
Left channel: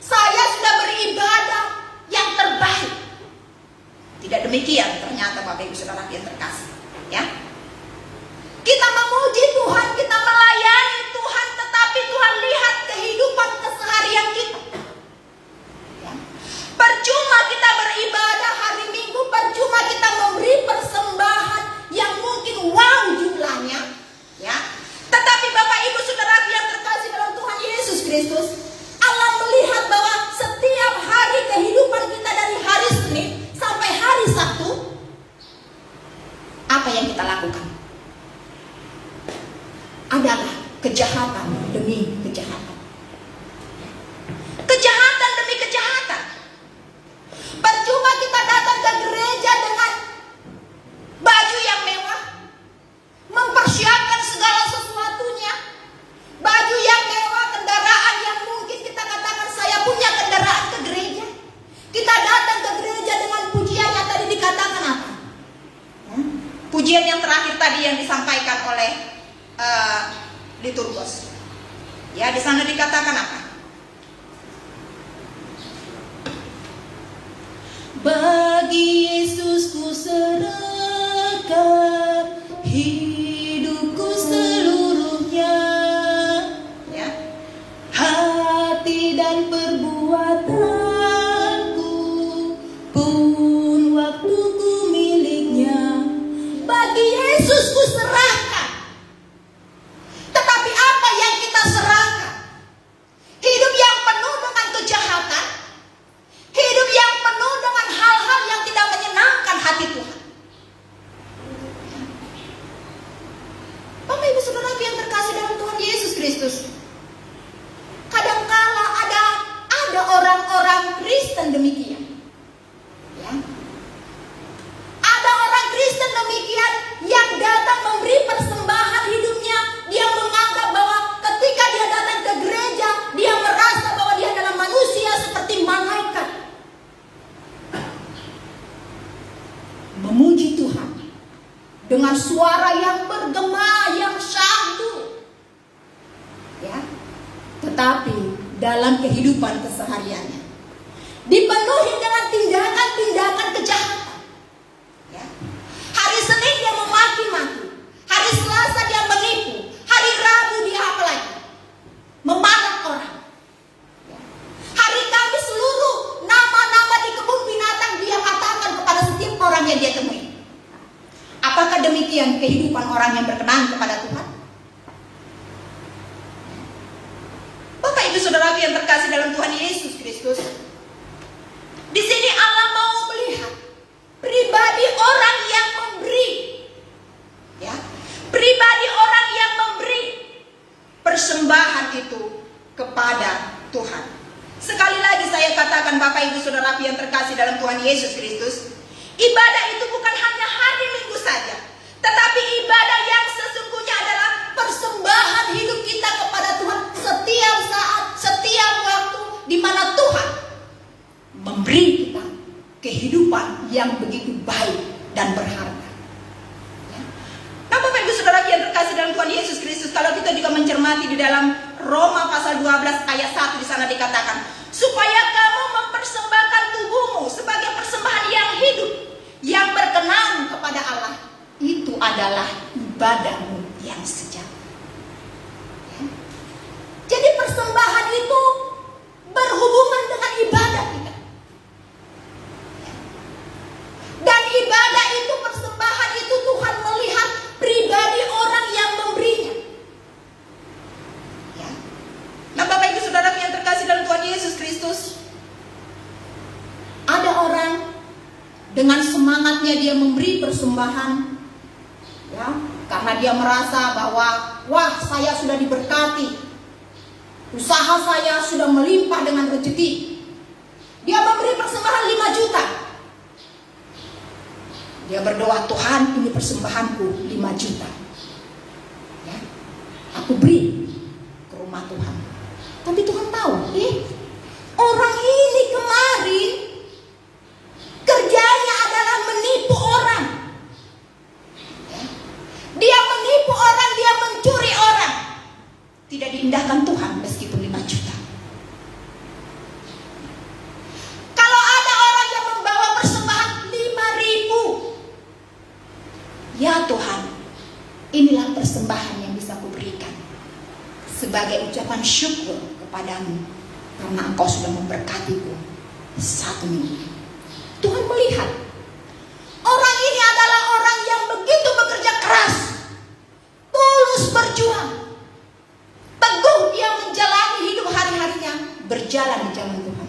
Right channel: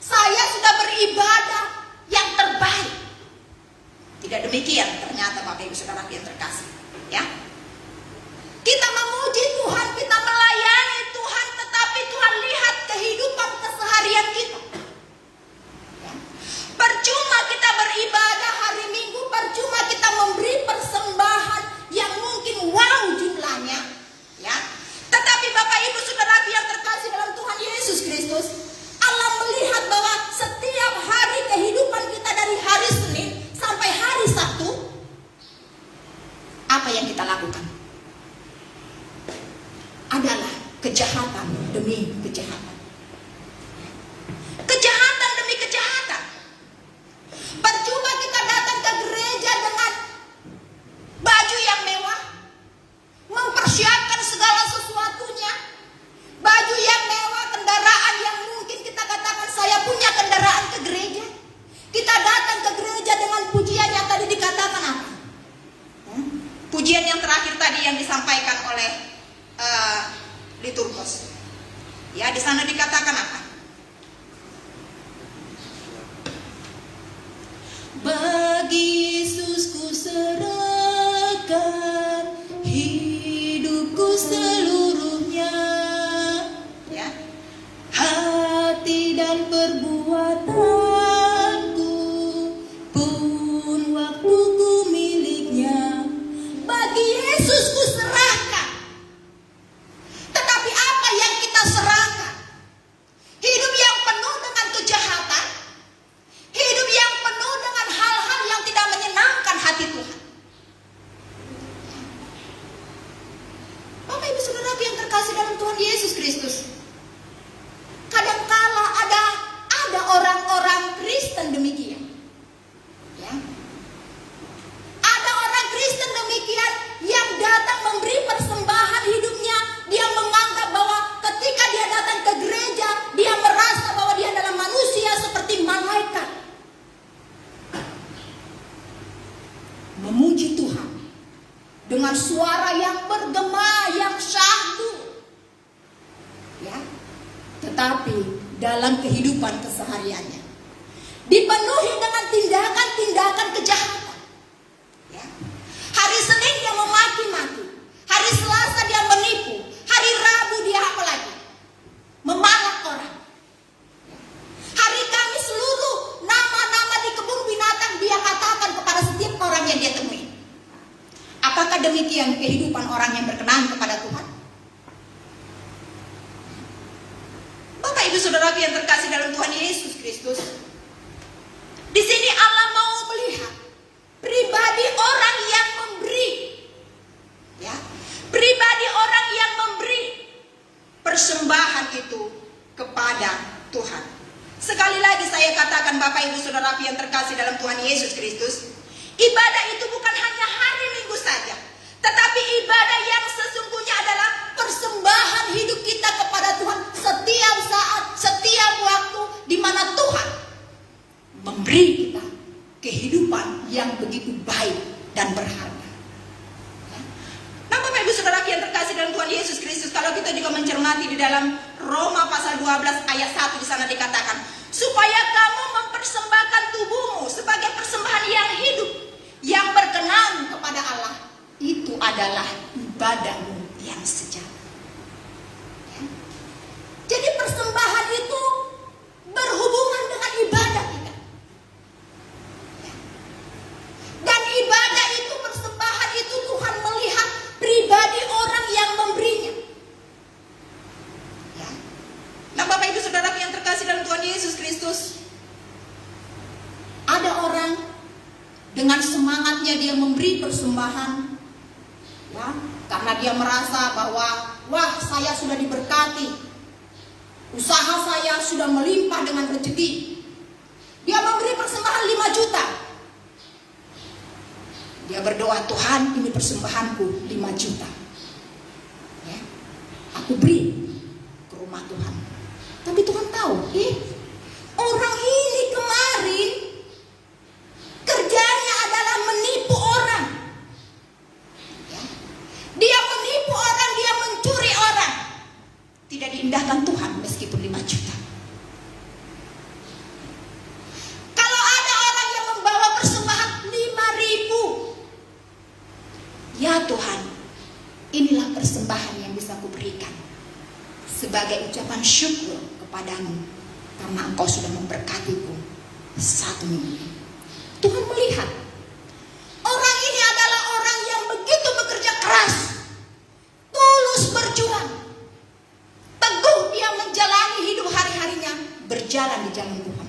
Saya sudah beribadah yang terbaik. Tidak demikian ternyata Bapak Ibu Saudara yang terkasih. Ya. Kita memuji Tuhan, kita melayani Tuhan, tetapi Tuhan lihat kehidupan keseharian kita. Ya. Percuma kita beribadah hari Minggu, percuma kita memberi persembahan yang mungkin wow jumlahnya. Ya. Tetapi Bapak Ibu Saudara yang terkasih dalam Tuhan Yesus Kristus, Allah melihat bahwa setiap hari kehidupan kita dari hari Senin sampai hari Sabtu, apa yang kita lakukan? Adalah kejahatan demi kejahatan. Kejahatan demi kejahatan. Percuma kita datang ke gereja dengan baju yang mewah, mempersiapkan segala sesuatunya, baju yang mewah, kendaraan yang mungkin kita katakan saya punya kendaraan ke gereja. Kita datang ke gereja dengan pujian yang tadi dikatakan apa? Pujian yang terakhir tadi yang disampaikan oleh liturgos. Ya, di sana dikatakan apa? Bagi Yesus ku serahkan hidupku seluruhnya, ya. Hati dan perbuatanku pun waktuku miliknya. Bagi Yesus ku serahkan. Tetapi apa yang kita serahkan? Hidup yang penuh dengan kejahatan, hidup yang penuh dengan hal-hal yang tidak menyenangkan hati Tuhan. Bapak Ibu Saudara yang terkasih dalam Tuhan Yesus Kristus, kadangkala ada orang-orang Kristen demikian. Ya. Ada orang Kristen demikian yang datang memberi persembahan hidupnya. Dia menganggap bahwa ketika dia datang ke gereja, dia merasa bahwa dia adalah manusia seperti malaikat. Memuji Tuhan dengan suara yang bergema, yang syahdu. Ya. Tetapi dalam kehidupan kesehariannya dipenuhi dengan tindakan-tindakan kejahatan. Ya. Hari Senin dia memaki-maki, hari Selasa dia menipu, hari Rabu dia apa lagi? Memalak orang. Hari Kamis seluruh nama-nama di kebun binatang dia katakan kepada setiap demikian kehidupan orang yang berkenan kepada Tuhan? Bapak Ibu Saudara yang terkasih dalam Tuhan Yesus Kristus, di sini Allah mau melihat pribadi orang yang memberi, ya, pribadi orang yang memberi persembahan itu kepada Tuhan. Sekali lagi saya katakan Bapak Ibu Saudara yang terkasih dalam Tuhan Yesus Kristus, ibadah itu bukan hanya hari Minggu saja, tetapi ibadah yang sesungguhnya adalah persembahan hidup kita kepada Tuhan setiap saat, setiap waktu, di mana Tuhan memberi kita kehidupan yang begitu baik dan berharga. Nah, Bapak Ibu Saudara yang terkasih dalam Tuhan Yesus Kristus, kalau kita juga mencermati di dalam Roma pasal 12 ayat 1, di sana dikatakan, supaya kamu mempersembahkan tubuhmu sebagai persembahan yang hidup, yang berkenan kepada Allah, itu adalah ibadahmu yang sejati. Ya. Jadi persembahan itu berhubungan dengan ibadah kita. Ya. Dan ibadah itu, persembahan itu Tuhan melihat pribadi orang yang memberinya. Ya. Nah, Bapak Ibu Saudara yang terkasih dalam Tuhan Yesus Kristus, ada orang dengan semangatnya dia memberi persembahan, ya, karena dia merasa bahwa wah, saya sudah diberkati, usaha saya sudah melimpah dengan rezeki. Dia memberi persembahan 5 juta. Dia berdoa, Tuhan, ini persembahanku 5 juta. Ya, aku beri ke rumah Tuhan. Tapi Tuhan tahu, orang ini kemarin kerjanya adalah menipu orang. Dia menipu orang, dia mencuri orang. Tidak diindahkan Tuhan meskipun 5 juta. Kalau ada orang yang membawa persembahan 5.000, ya Tuhan, inilah persembahan yang bisa kuberikan sebagai ucapan syukur kepadamu karena Engkau sudah memberkatiku 1 minggu. Tuhan melihat orang ini adalah orang yang begitu bekerja keras, tulus berjuang, teguh dia menjalani hidup hari-harinya, berjalan di jalan Tuhan.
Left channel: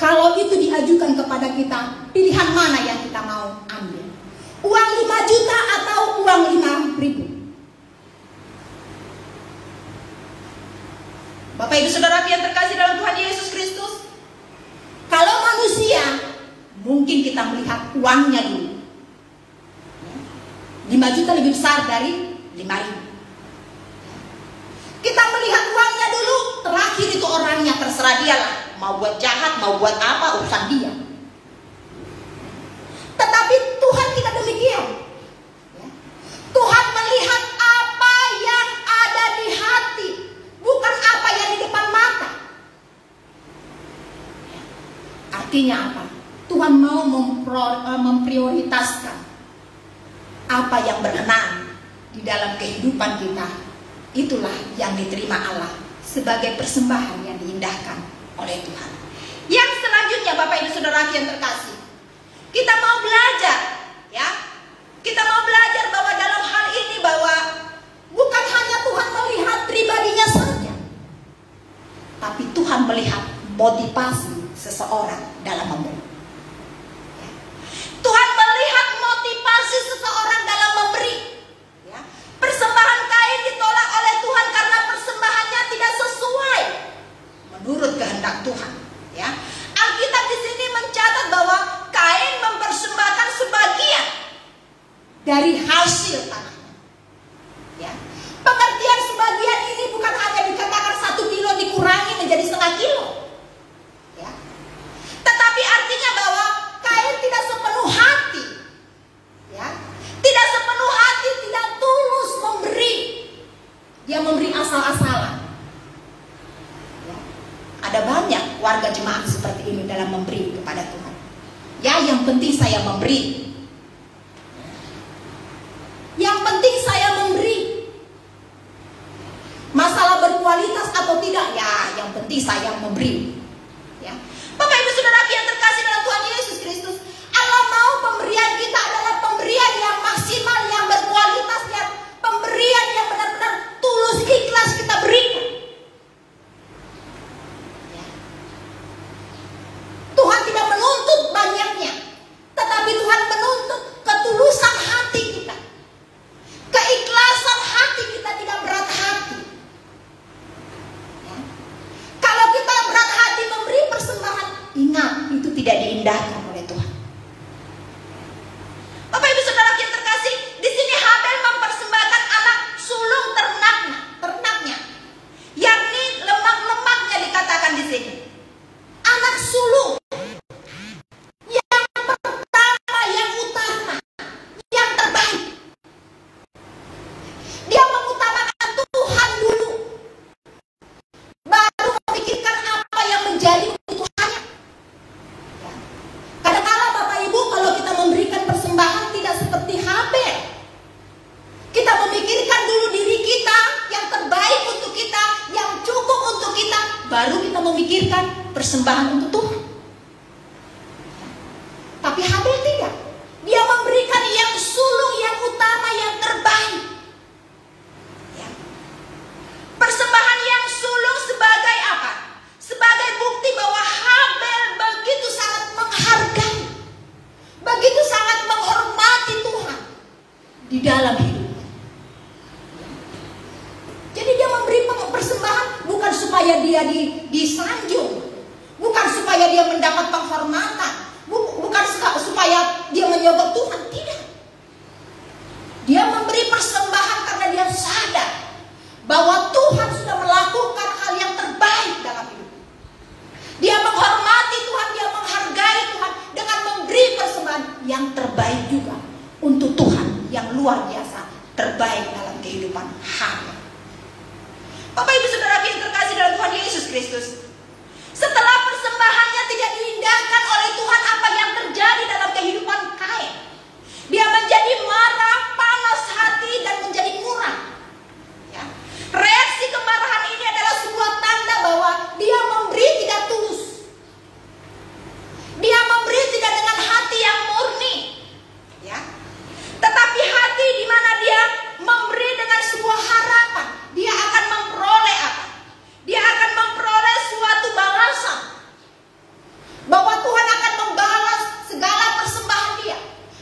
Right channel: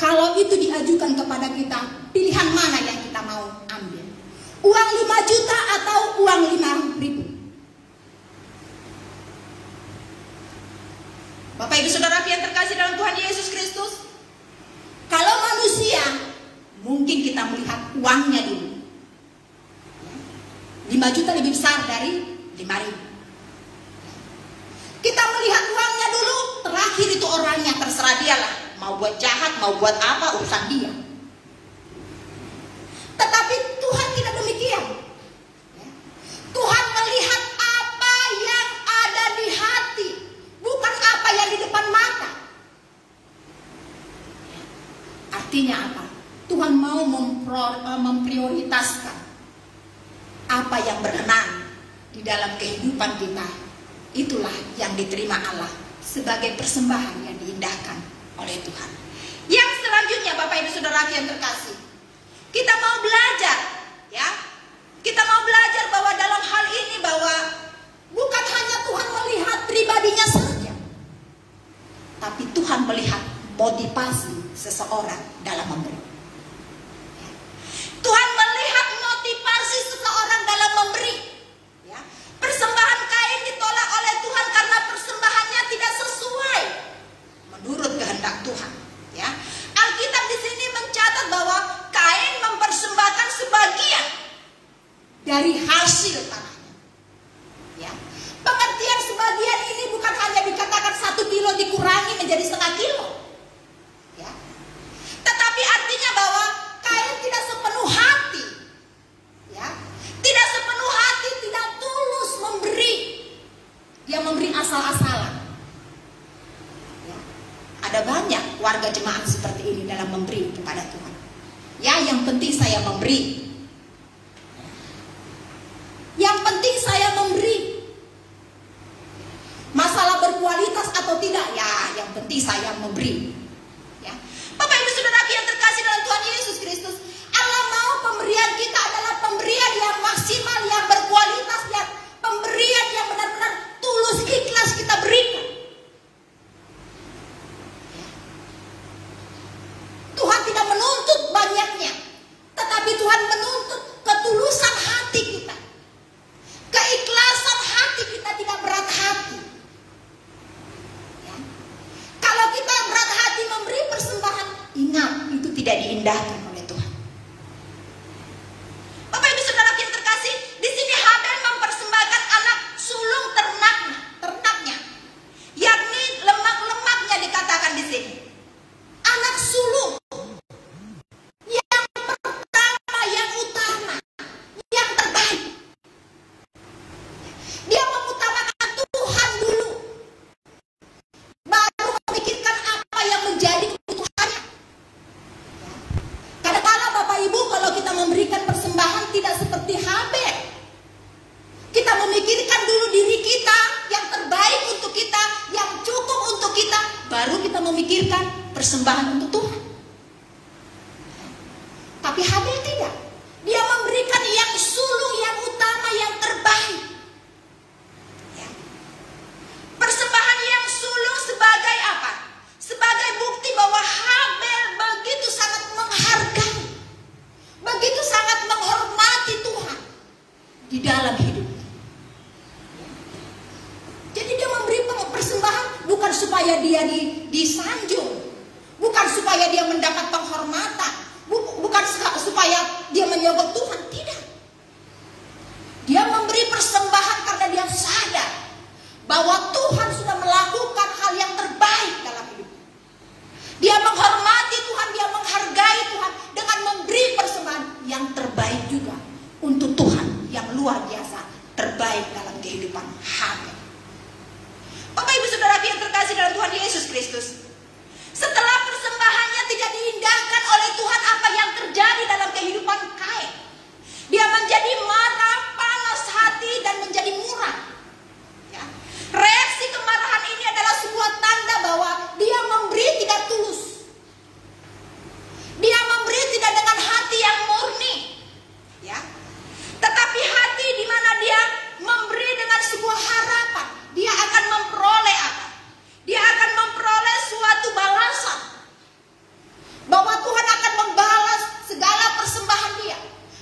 Kalau itu diajukan kepada kita, pilihan mana yang kita mau ambil? Uang 5 juta atau uang 5.000? Bapak Ibu Saudara yang terkasih dalam Tuhan Yesus Kristus, kalau manusia, mungkin kita melihat uangnya dulu. 5 juta lebih besar dari 5.000. Kita melihat uangnya dulu, terakhir itu orangnya, terserah dia lah. Mau buat jahat, mau buat apa, urusan dia. Tetapi Tuhan tidak demikian. Tuhan melihat apa yang ada di hati, bukan apa yang di depan mata. Artinya apa? Tuhan mau memprioritaskan apa yang berkenan di dalam kehidupan kita. Itulah yang diterima Allah sebagai persembahan yang diindahkan oleh Tuhan. Yang selanjutnya, Bapak Ibu Saudara yang terkasih, kita mau belajar, ya. Kita mau belajar bahwa dalam hal ini bahwa bukan hanya Tuhan melihat pribadinya saja, tapi Tuhan melihat motivasi seseorang dalam memberi. Tuhan melihat motivasi seseorang dalam memberi. Ya. Persembahan Kain ditolak oleh Tuhan karena persembahannya tidak sesuai menurut kehendak Tuhan. Ya. Alkitab di sini mencatat bahwa Kain mempersembahkan sebagian dari hasil tanahnya. Ya. Pengertian sebagian ini bukan hanya dikatakan 1 kilo dikurangi menjadi 1/2 kilo. Ya. Tetapi artinya bahwa Kain tidak sepenuh hati, ya, tidak sepenuh hati, tidak tulus memberi. Dia memberi asal-asalan. Ya. Ada banyak warga jemaat seperti ini dalam memberi kepada Tuhan. Ya, yang penting saya memberi. Yang penting saya memberi. Masalah berkualitas atau tidak, ya, yang penting saya memberi. Ya. Bapak Ibu Saudara yang terkasih dalam Tuhan Yesus Kristus, Allah mau pemberian kita adalah pemberian diindahkan oleh Tuhan. Bapak Ibu Saudara yang terkasih, di sini Habel mempersembahkan anak sulung ternaknya, yakni lemak-lemaknya dikatakan di sini. Anak sulung yang pertama, yang utama, yang terbaik. Dia mengutamakan Tuhan dulu, baru memikirkan apa yang menjadi kebutuhannya. Kadang-kadang Bapak Ibu, kalau kita memberikan persembahan tidak seperti Habel. Kita memikirkan dulu diri kita, yang terbaik untuk kita, yang cukup untuk kita, baru kita memikirkan persembahan untuk Tuhan. Tapi Habel tidak. Dia memberikan yang sulung, yang utama, yang terbaik. Persembahan yang sulung sebagai apa? Sebagai bukti bahwa Habel begitu sangat menghargai, begitu sangat menghormati Tuhan di dalam hidupnya. Jadi dia memberi persembahan bukan supaya dia disanjung, bukan supaya dia mendapat penghormatan, bukan supaya dia menyogok Tuhan, tidak. Dia memberi persembahan karena dia sadar bahwa Tuhan sudah melakukan hal yang terbaik dalam hidupnya. Dia menghormati Tuhan, dia menghargai Tuhan dengan memberi persembahan yang terbaik juga untuk Tuhan, yang luar biasa terbaik dalam kehidupan Habel. Bapak Ibu Saudara yang terkasih dalam Tuhan Yesus Kristus, setelah persembahannya tidak diindahkan oleh Tuhan, apa yang terjadi dalam kehidupan Kain? Dia menjadi marah, panas hati, dan menjadi murah. Ya. Reaksi kemarahan ini adalah sebuah tanda bahwa dia memberi tidak tulus. Dia memberi tidak dengan hati yang murni. Ya. Tetapi hati di mana dia memberi dengan sebuah harapan. Dia akan memperoleh apa? Dia akan memperoleh suatu balasan. Bahwa Tuhan akan membalas segala persembahan dia.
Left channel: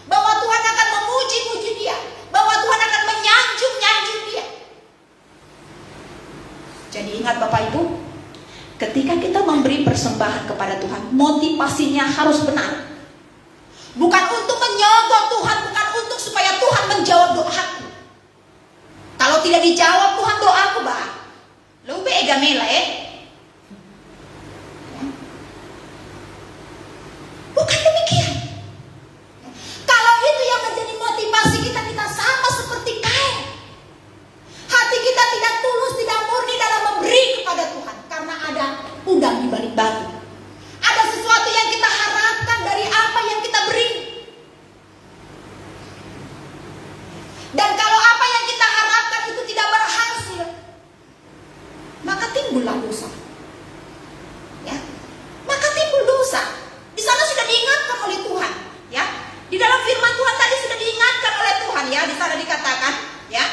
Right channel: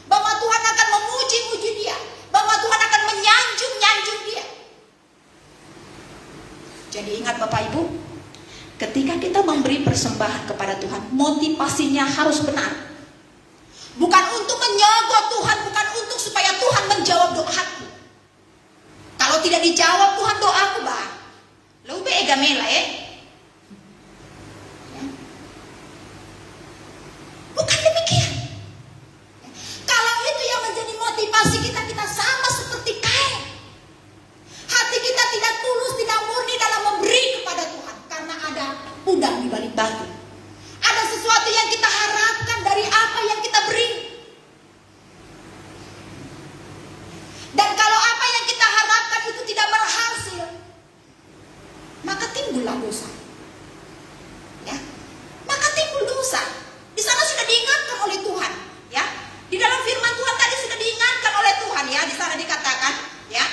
Bahwa Tuhan akan memuji-muji dia. Bahwa Tuhan akan menyanjung-nyanjung dia. Jadi ingat Bapak Ibu, ketika kita memberi persembahan kepada Tuhan, motivasinya harus benar. Bukan untuk menyogok Tuhan, bukan untuk supaya Tuhan menjawab doaku. Kalau tidak dijawab Tuhan doaku, bah, lu bega mele. Bukan demikian. Kalau itu yang menjadi motivasi kita, kita sama seperti Kain. Hati kita tidak tulus, tidak murni dalam memberi kepada Tuhan, karena ada udang di balik batu. Ada sesuatu yang kita harapkan dari apa yang kita beri. Dan kalau apa yang kita harapkan itu tidak berhasil, maka timbullah dosa. Ya, maka timbul dosa. Di sana sudah diingatkan oleh Tuhan. Ya, di dalam firman Tuhan tadi sudah diingatkan oleh Tuhan. Ya, di sana dikatakan, ya,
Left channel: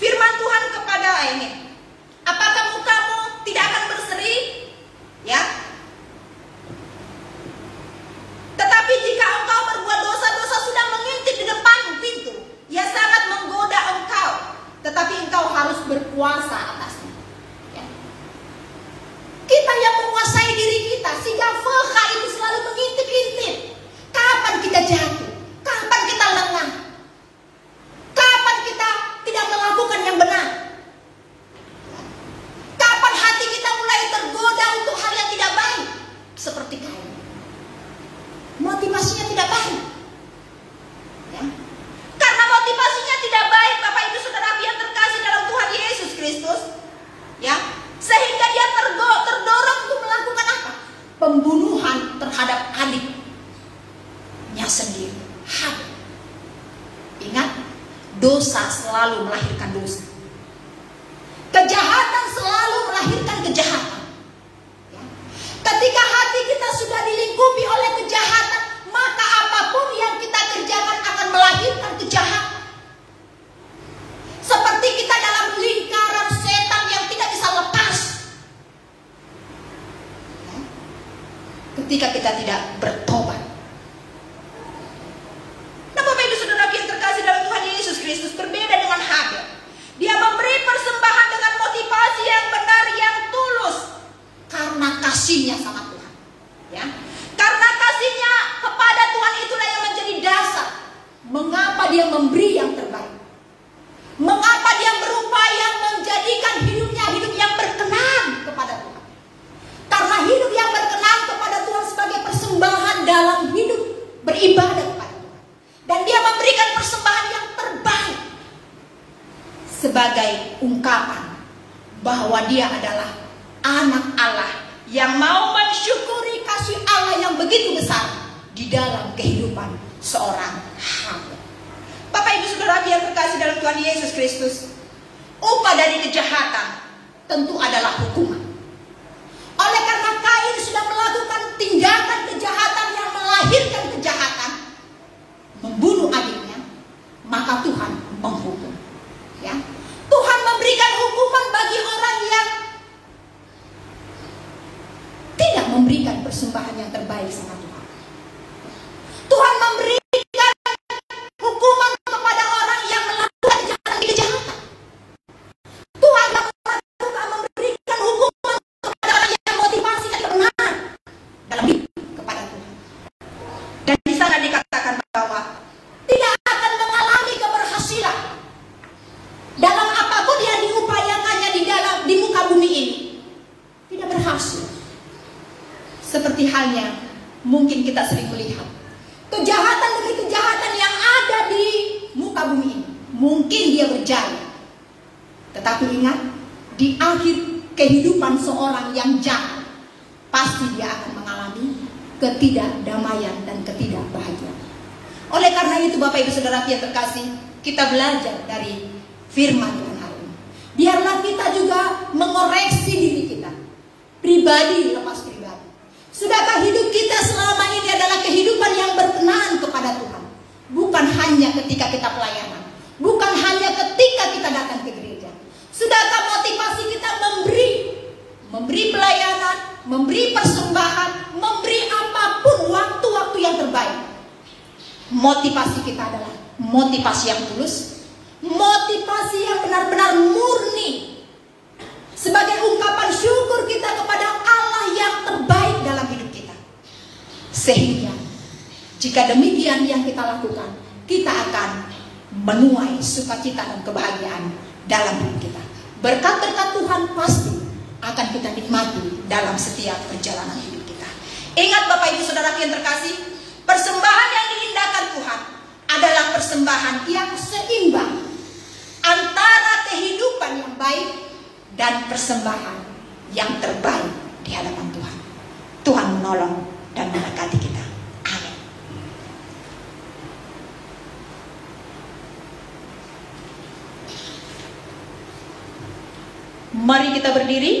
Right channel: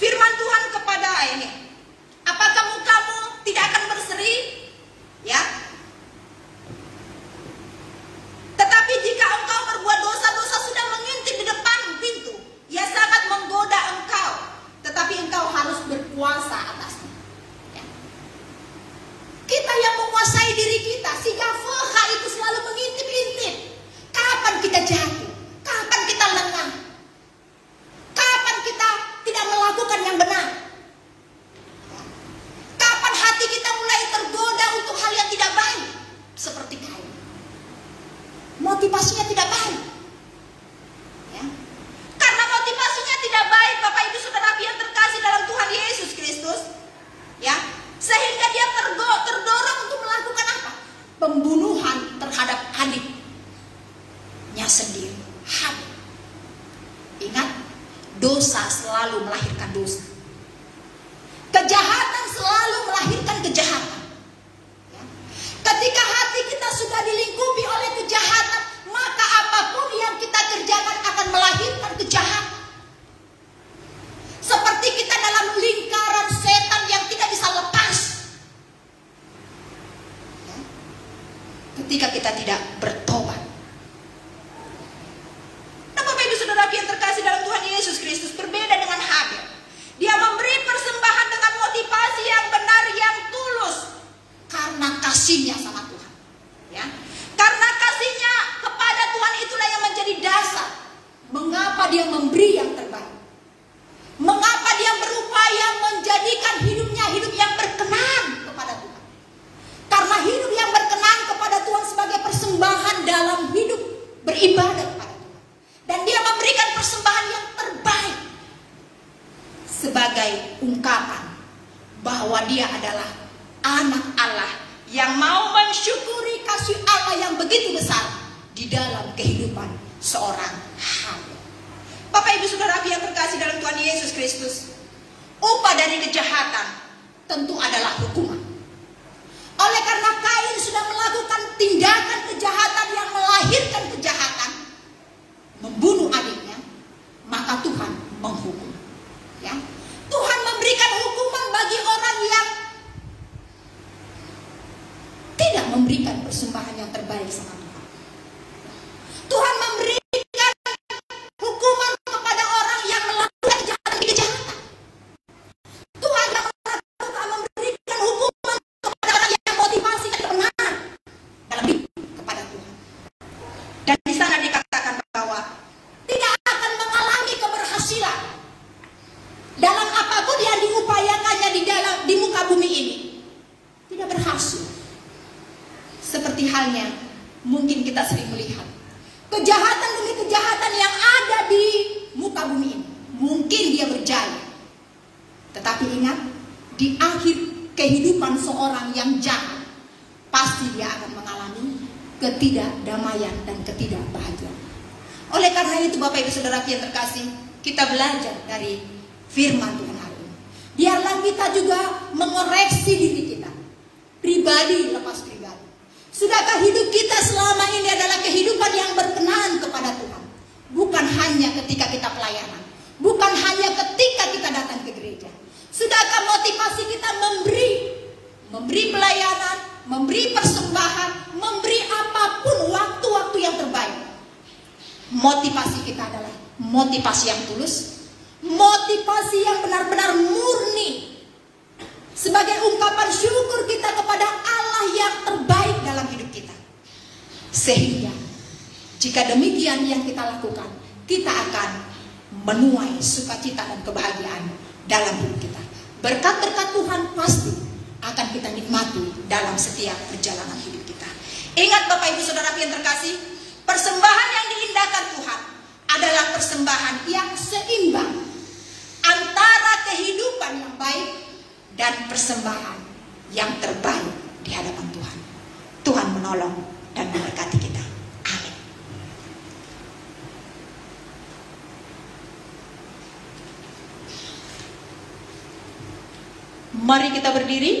firman Tuhan kepada ini, apakah mukamu tidak akan berseri? Ya. Tetapi jika engkau berbuat dosa-dosa sudah mengintip di depan pintu, ia sangat menggoda engkau, tetapi engkau harus berkuasa atasnya. Ya. Kita yang menguasai diri kita, sehingga feha itu selalu mengintip-intip. Kapan kita jatuh? Kapan kita lengah? Kapan kita tidak melakukan yang benar? Kapan hati kita mulai tergoda untuk hal yang tidak baik? Seperti Kain. Motivasinya tidak baik. Ya. Karena motivasinya tidak baik, Bapak Ibu Saudara yang terkasih dalam Tuhan Yesus Kristus, ya, sehingga dia terdorong untuk melakukan apa? Pembunuhan terhadap adiknya sendiri, Habel. Ingat, dosa selalu melahirkan dosa. Kejahatan selalu melahirkan kejahatan. Ya. Ketika hati kita sudah dilingkupi oleh kejahatan, maka apapun yang kita kerjakan akan melahirkan kejahatan. Seperti kita dalam lingkaran setan yang tidak bisa lepas. Ya. Ketika kita tidak bertobat. Nah, Bapak Ibu Saudara yang terkasih dalam Tuhan Yesus Kristus, berbeda dengan Habel. Dia memberi persembahan dengan motivasi yang benar, yang tulus, karena kasihnya sama Tuhan. Ya, karena kasihnya kehidupan seorang hamba. Bapak Ibu Saudara yang terkasih dalam Tuhan Yesus Kristus, upah dari kejahatan tentu adalah hukuman. Oleh karena Kain sudah melakukan tindakan kejahatan yang melahirkan kejahatan, membunuh adiknya, maka Tuhan menghukum. Ya, Tuhan memberikan hukuman bagi orang yang tidak memberikan persembahan yang terbaik sama Tuhan. Tuhan memberikan hukuman kepada orang yang melakukan kejahatan. Tuhan memberikan hukuman kepada orang yang motivasi dan kebenaran dalam hidup kepada Tuhan. Dan di sana dikatakan bahwa tidak akan mengalami keberhasilan dalam apapun yang diupayakannya di muka bumi ini. Tidak berhasil. Seperti halnya mungkin kita sering melihat kejahatan demi kejahatan yang ada di muka bumi ini. Mungkin dia berjaya, tetapi ingat, di akhir kehidupan seorang yang jahat, pasti dia akan mengalami ketidakdamaian dan ketidakbahagiaan. Oleh karena itu Bapak Ibu Saudara yang terkasih, kita belajar dari firman Tuhan hari ini. Biarlah kita juga mengoreksi diri kita, pribadi lepas pribadi. Sudahkah hidup kita selama ini adalah kehidupan yang berkenan kepada Tuhan? Bukan hanya ketika kita pelayanan, bukan hanya ketika kita datang ke gereja. Sudahkah motivasi kita memberi pelayanan, memberi persembahan, memberi apapun waktu-waktu yang terbaik? Motivasi kita adalah motivasi yang tulus, motivasi yang benar-benar murni, sebagai ungkapan syukur kita kepada Allah yang terbaik dalam hidup kita. Sehingga jika demikian yang kita lakukan, kita akan menuai sukacita dan kebahagiaan dalam hidup kita. Berkat-berkat Tuhan pasti akan kita nikmati dalam setiap perjalanan hidup kita. Ingat Bapak Ibu Saudara yang terkasih, persembahan yang diindahkan Tuhan adalah persembahan yang seimbang antara kehidupan yang baik dan persembahan yang terbaik di hadapan Tuhan. Tuhan menolong dan memberkati kita. Amin. Mari kita berdiri.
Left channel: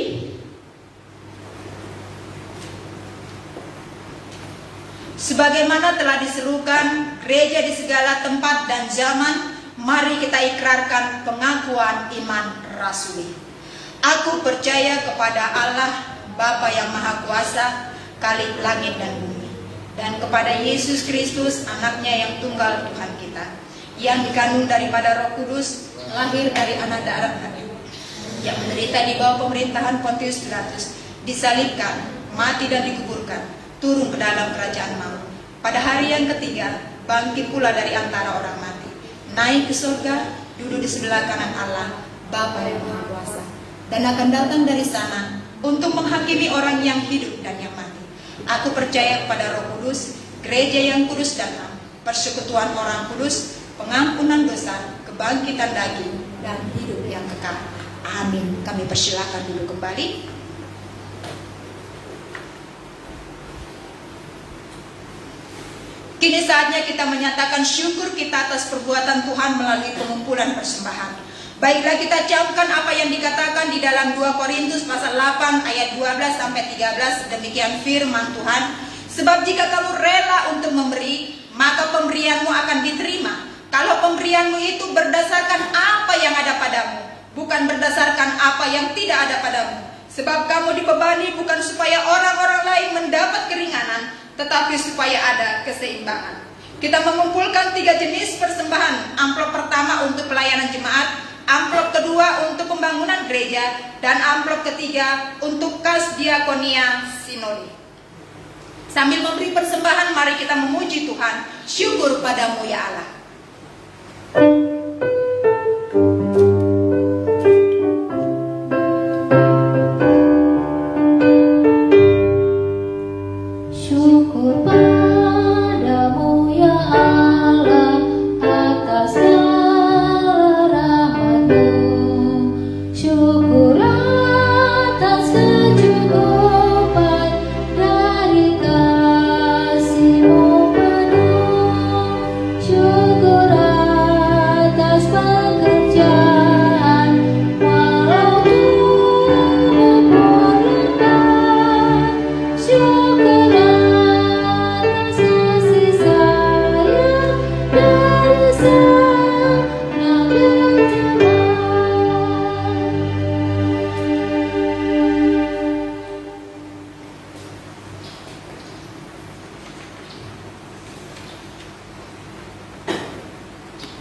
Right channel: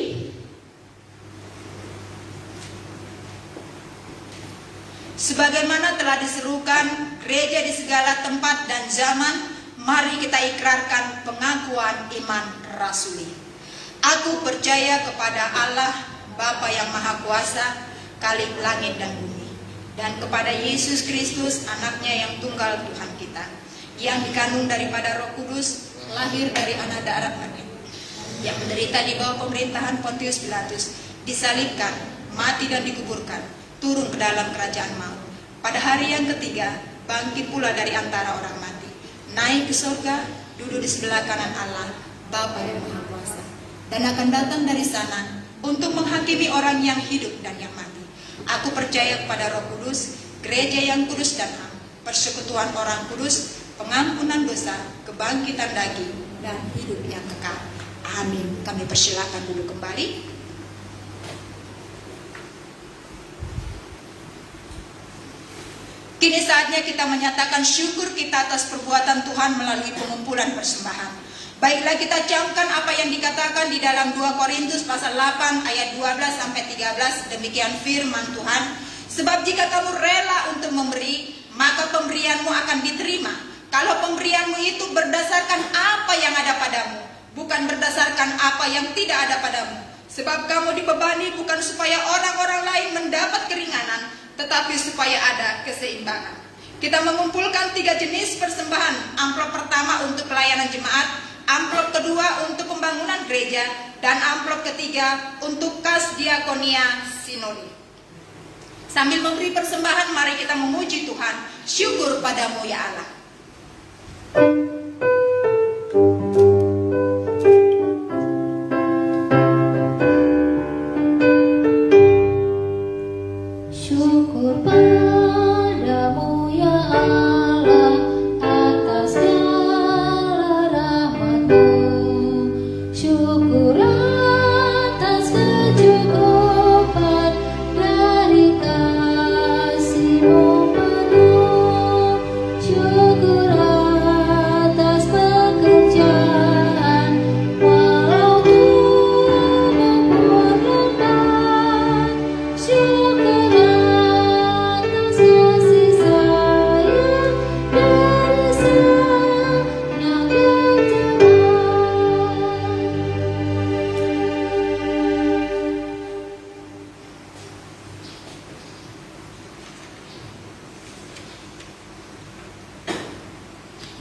Sebagaimana telah diserukan gereja di segala tempat dan zaman, mari kita ikrarkan pengakuan iman rasuli. Aku percaya kepada Allah, Bapa yang Maha Kuasa, Khalik langit dan bumi, dan kepada Yesus Kristus, anaknya yang tunggal Tuhan kita, yang dikandung daripada Roh Kudus, lahir dari anak darah Maria, yang menderita di bawah pemerintahan Pontius Pilatus, disalibkan, mati dan dikuburkan, turun ke dalam kerajaan maut. Pada hari yang ketiga, bangkit pula dari antara orang mati, naik ke surga, duduk di sebelah kanan Allah, Bapa yang Maha Kuasa, dan akan datang dari sana untuk menghakimi orang yang hidup dan yang mati. Aku percaya kepada Roh Kudus, gereja yang kudus dan am, persekutuan orang kudus, pengampunan dosa, kebangkitan daging, dan hidup yang kekal. Amin. Kami persilakan dulu kembali. Kini saatnya kita menyatakan syukur kita atas perbuatan Tuhan melalui pengumpulan persembahan. Baiklah, kita camkan apa yang dikatakan di dalam 2 Korintus pasal 8 ayat 12 sampai 13. Demikian firman Tuhan. Sebab jika kamu rela untuk memberi, maka pemberianmu akan diterima. Kalau pemberianmu itu berdasarkan apa yang ada padamu, bukan berdasarkan apa yang tidak ada padamu. Sebab kamu dibebani bukan supaya orang-orang lain mendapat keringanan, tetapi supaya ada keseimbangan. Kita mengumpulkan 3 jenis persembahan. Amplop pertama untuk pelayanan jemaat, amplop kedua untuk pembangunan gereja, dan amplop ketiga untuk kas diakonia sinodi. Sambil memberi persembahan, mari kita memuji Tuhan. Syukur padamu ya Allah. Dari kasih-Mu penuh.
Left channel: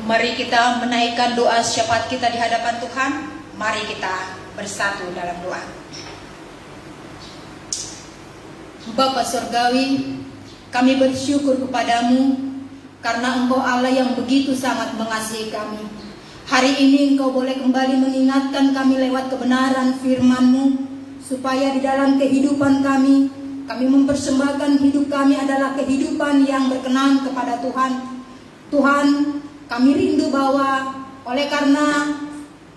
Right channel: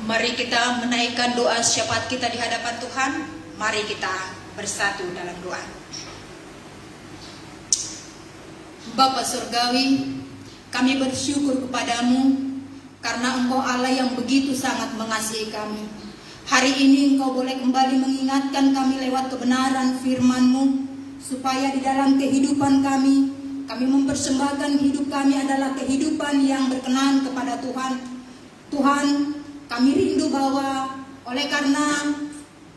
Mari kita menaikkan doa syafaat kita di hadapan Tuhan. Mari kita bersatu dalam doa. Bapa Surgawi, kami bersyukur kepadamu karena Engkau Allah yang begitu sangat mengasihi kami. Hari ini Engkau boleh kembali mengingatkan kami lewat kebenaran firman-Mu, supaya di dalam kehidupan kami mempersembahkan hidup kami adalah kehidupan yang berkenan kepada Tuhan. Tuhan, kami rindu bahwa oleh karena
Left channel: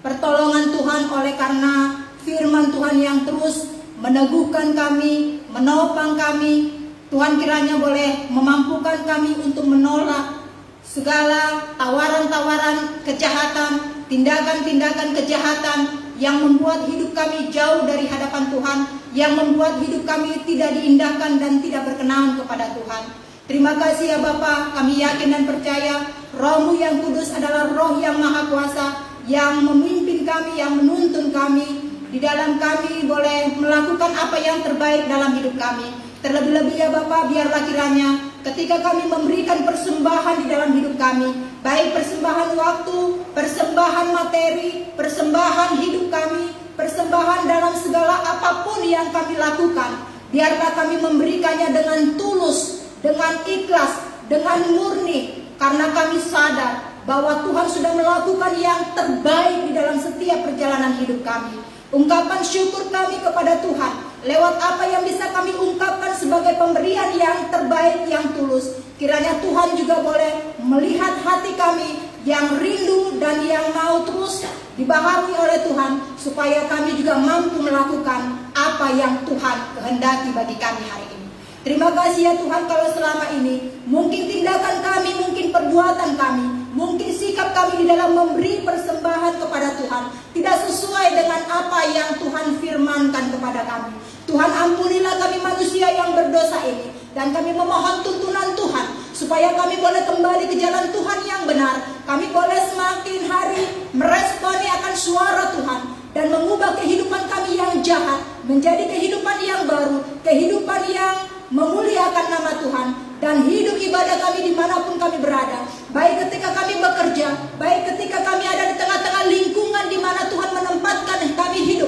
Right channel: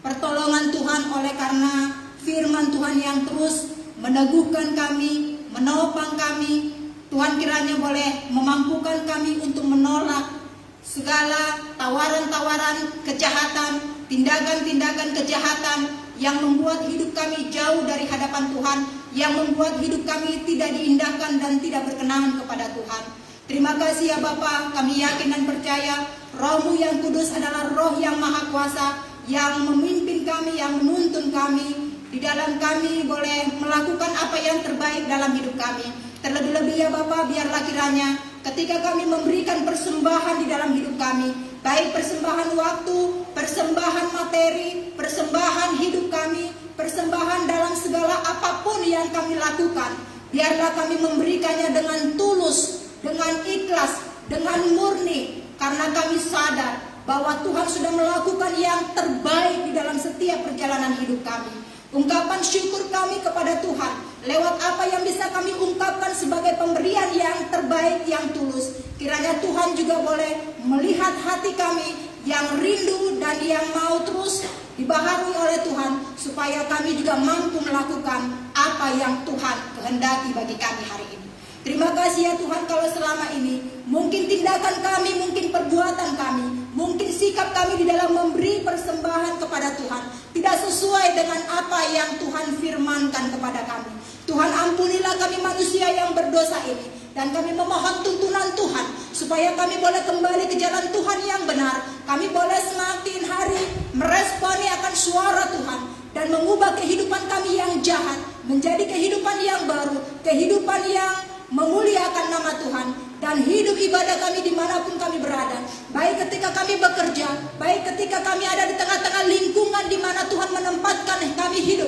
pertolongan Tuhan, oleh karena firman Tuhan yang terus meneguhkan kami, menopang kami, Tuhan kiranya boleh memampukan kami untuk menolak segala tawaran-tawaran kejahatan, tindakan-tindakan kejahatan yang membuat hidup kami jauh dari hadapan Tuhan, yang membuat hidup kami tidak diindahkan dan tidak berkenan kepada Tuhan. Terima kasih ya Bapa, kami yakin dan percaya Roh-Mu yang kudus adalah Roh yang Maha Kuasa, yang memimpin kami, yang menuntun kami. Di dalam kami boleh melakukan apa yang terbaik dalam hidup kami. Terlebih-lebih ya Bapa, biarlah kiranya ketika kami memberikan persembahan di dalam hidup kami, baik persembahan waktu, persembahan materi, persembahan hidup kami, persembahan dalam segala apapun yang kami lakukan, biarlah kami memberikannya dengan tulus, dengan ikhlas, dengan murni, karena kami sadar bahwa Tuhan sudah melakukan yang terbaik di dalam setiap perjalanan hidup kami. Ungkapan syukur kami kepada Tuhan lewat apa yang bisa kami ungkapkan sebagai pemberian yang terbaik, yang tulus. Kiranya Tuhan juga boleh melihat hati kami yang rindu dan yang mau terus dibaharui oleh Tuhan, supaya kami juga mampu melakukan apa yang Tuhan kehendaki bagi kami hari ini. Terima kasih ya Tuhan, kalau selama ini mungkin tindakan kami, mungkin perbuatan kami, mungkin sikap kami di dalam memberi persembahan kepada Tuhan tidak sesuai dengan apa yang Tuhan firmankan kepada kami. Tuhan, ampunilah kami manusia yang berdosa ini, dan kami memohon tuntunan Tuhan supaya kami boleh kembali ke jalan Tuhan yang benar. Kami boleh semakin hari meresponi akan suara Tuhan dan mengubah kehidupan kami yang jahat menjadi kehidupan yang baru, kehidupan yang memuliakan nama Tuhan, dan hidup ibadah kami dimanapun kami berada, baik ketika kami bekerja, baik ketika kami ada di tengah-tengah lingkungan di mana Tuhan menempatkan kami hidup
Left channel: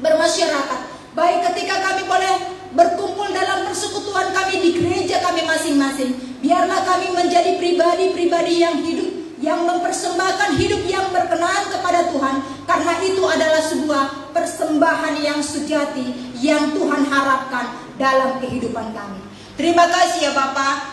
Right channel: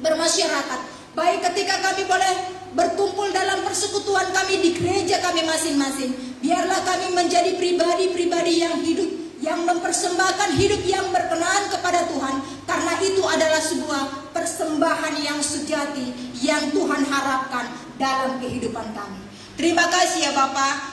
bermasyarakat, baik ketika kami boleh berkumpul dalam persekutuan kami di gereja kami masing-masing. Biarlah kami menjadi pribadi-pribadi yang hidup, yang mempersembahkan hidup yang berkenan kepada Tuhan, karena itu adalah sebuah persembahan yang sejati yang Tuhan harapkan dalam kehidupan kami. Terima kasih ya Bapa,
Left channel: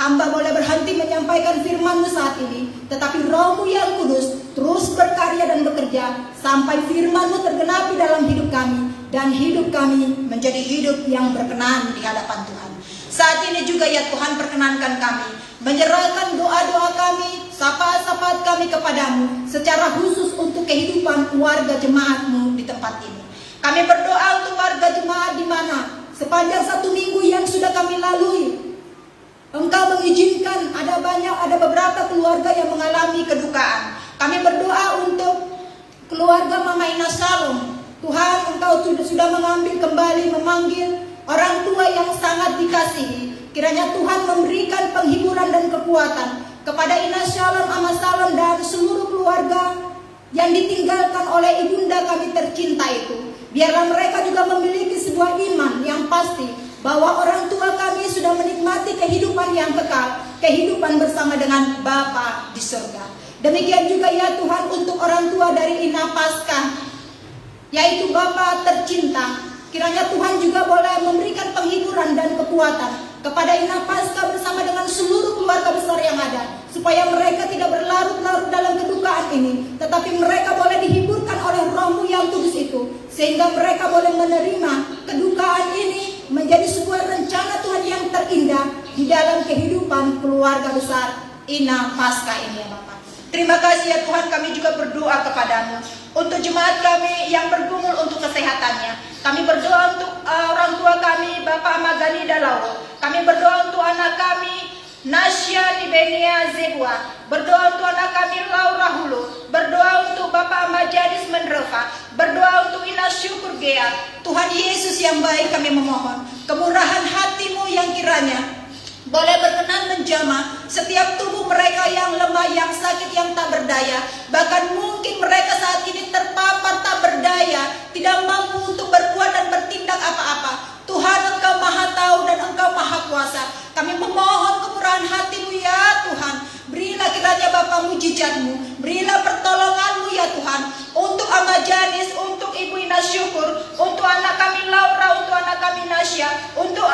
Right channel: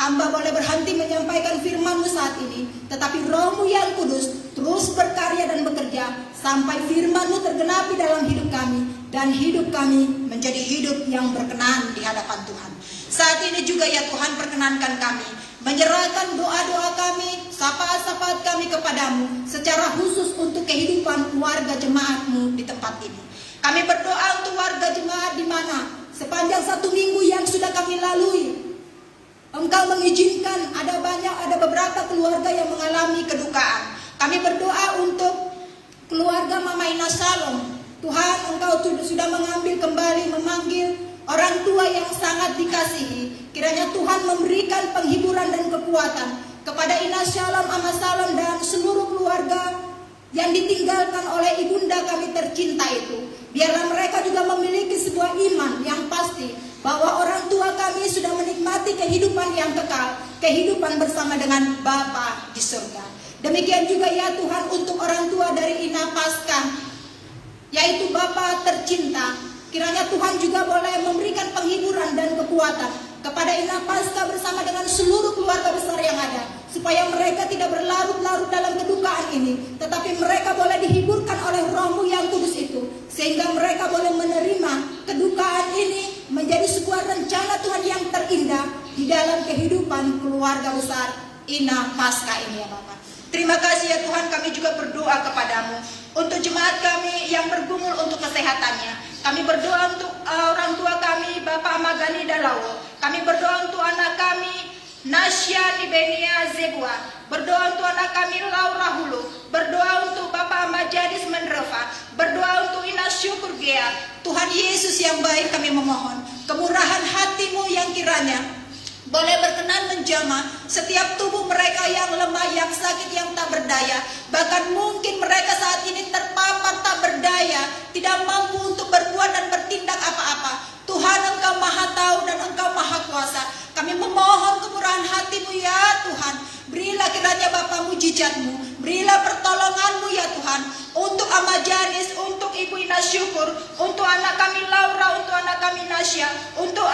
hamba boleh berhenti menyampaikan firman-Mu saat ini, tetapi Roh-Mu yang kudus terus berkarya dan bekerja sampai firman-Mu tergenapi dalam hidup kami, dan hidup kami menjadi hidup yang berkenan di hadapan Tuhan. Saat ini juga ya Tuhan, perkenankan kami menyerahkan doa-doa kami, syafaat-syafaat kami kepadamu, secara khusus untuk kehidupan keluarga jemaat-Mu di tempat ini. Kami berdoa untuk warga jemaat di mana sepanjang 1 minggu yang sudah kami lalui, Engkau mengizinkan ada beberapa keluarga yang mengalami kedukaan. Kami berdoa untuk keluarga Mama Ina Salom. Tuhan, Engkau sudah mengambil kembali, memanggil orang tua yang sangat dikasihi. Kiranya Tuhan memberikan penghiburan dan kekuatan kepada Ina Salom, Ama Salom, dan seluruh keluarga yang ditinggalkan oleh ibunda kami tercinta itu. Biarlah mereka juga memiliki sebuah iman yang pasti bahwa orang tua kami sudah menikmati kehidupan yang kekal, kehidupan bersama dengan Bapa di surga. Demikian juga ya Tuhan untuk orang tua dari Ina Pasca, yaitu Bapa tercinta. Kiranya Tuhan juga boleh memberikan penghiburan dan kekuatan kepada Ina Pasca bersama dengan seluruh keluarga besar yang ada, supaya mereka tidak berlarut-larut dalam kedukaan ini, tetapi mereka boleh dihiburkan oleh Roh-Mu yang kudus itu, sehingga mereka boleh menerima kedukaan ini menjadi sebuah rencana Tuhan yang terindah di dalam kehidupan keluarga besar Ina Pasca ini ya Bapak. Terima kasih ya Tuhan, kami juga berdoa kepadamu untuk jemaat kami yang bergumul untuk kesehatannya. Kami berdoa untuk orang tua kami, Bapak Magani Dalawo. Kami berdoa untuk anak kami, Nasya Nibenia Zegwa. Berdoa untuk anak kami, Laura Hulu. Berdoa untuk Bapak Majadis Menreva. Berdoa untuk Ina Syukur Gea. Tuhan Yesus yang baik, kami memohon kemurahan hati-Mu yang kiranya boleh berkenan Tuhan menjamah setiap tubuh mereka yang lemah, yang sakit, yang tak berdaya. Bahkan mungkin mereka saat ini terpapar tak berdaya, tidak mampu untuk berbuat dan bertindak apa-apa. Tuhan, Engkau Maha Tahu dan Engkau Maha Kuasa. Kami memohon kemurahan hati-Mu ya Tuhan. Berilah kiranya Bapa mujizat-Mu, berilah pertolongan-Mu ya Tuhan, untuk Ama Janis, untuk Ibu Ina Syukur, untuk anak kami Laura, untuk anak kami Nasya, untuk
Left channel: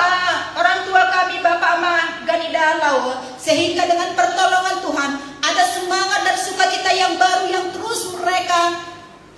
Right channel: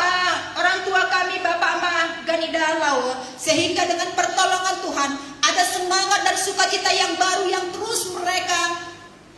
orang tua kami Bapak Ama Ganida Lawa, sehingga dengan pertolongan Tuhan ada semangat dan sukacita yang baru yang terus mereka